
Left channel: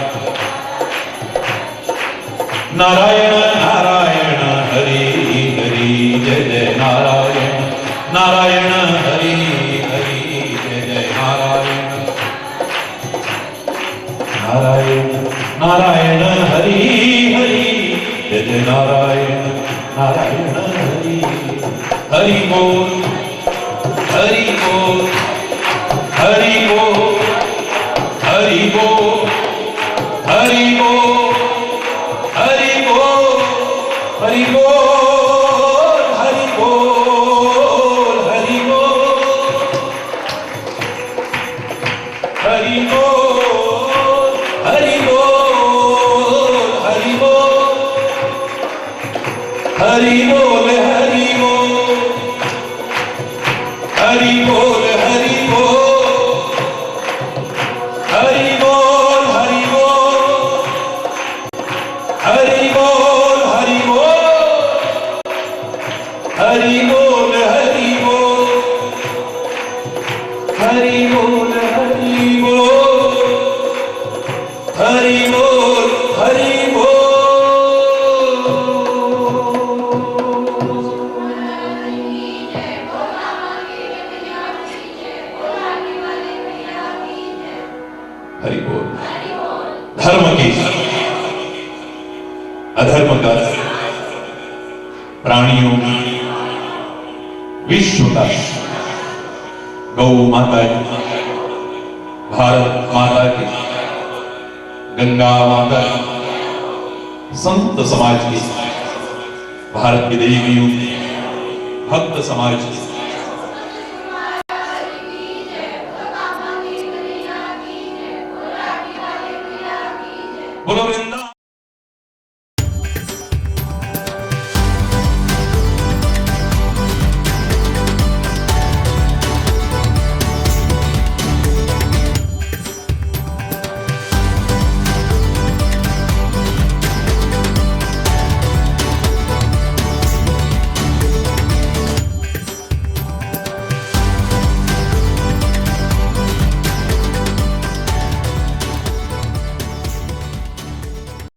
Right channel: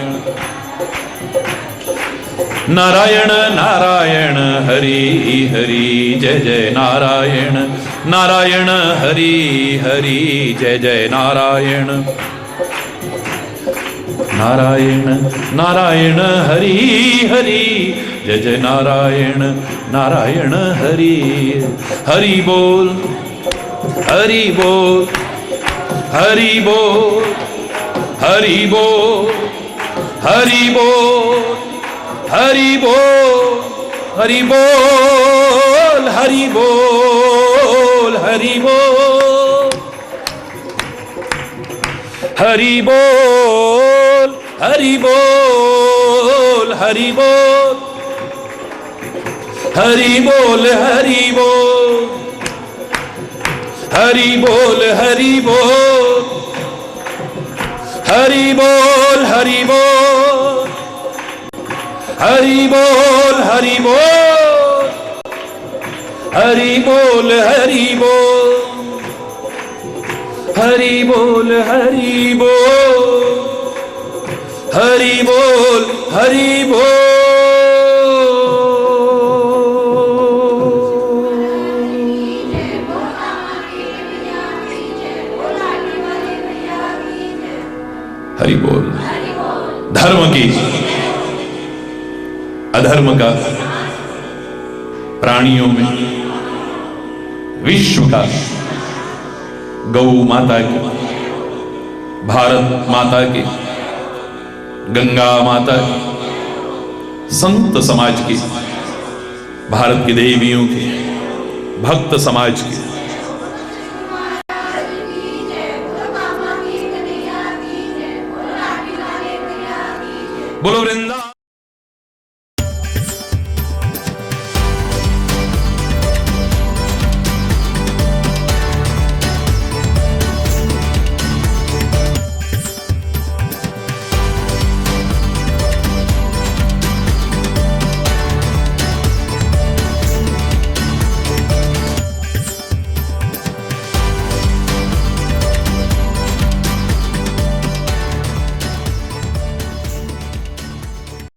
नारायण नारायण हरि हरि, जय जय नारायण, नारायण हरि हरि, जय जय नारायण, नारायण नारायण हरि हरि, जय जय नारायण नारायण हरि। हरि बोल, हरि बोल, हरि बोल, हरि बोल, हरि बोल, हरि बोल, हरि बोल, हरि बोल, हरि बोल, हरि बोल, हरि बोल, हरि बोल, हरि बोल, हरि बोल, हरि बोल, हरि बोल, हरि बोल, हरि बोल, हरि बोल, हरि बोल, हरि बोल, हरि बोल, हरि बोल, हरि बोल, हरि बोल, हरि बोल। हरि बोल। धर्म की, अधर्म का, प्राणियों में, विश्व का, गौ माता की, भारत माता की, गंगा माता की, संत समाज की, भारत की देवियों की, भक्त समाज की,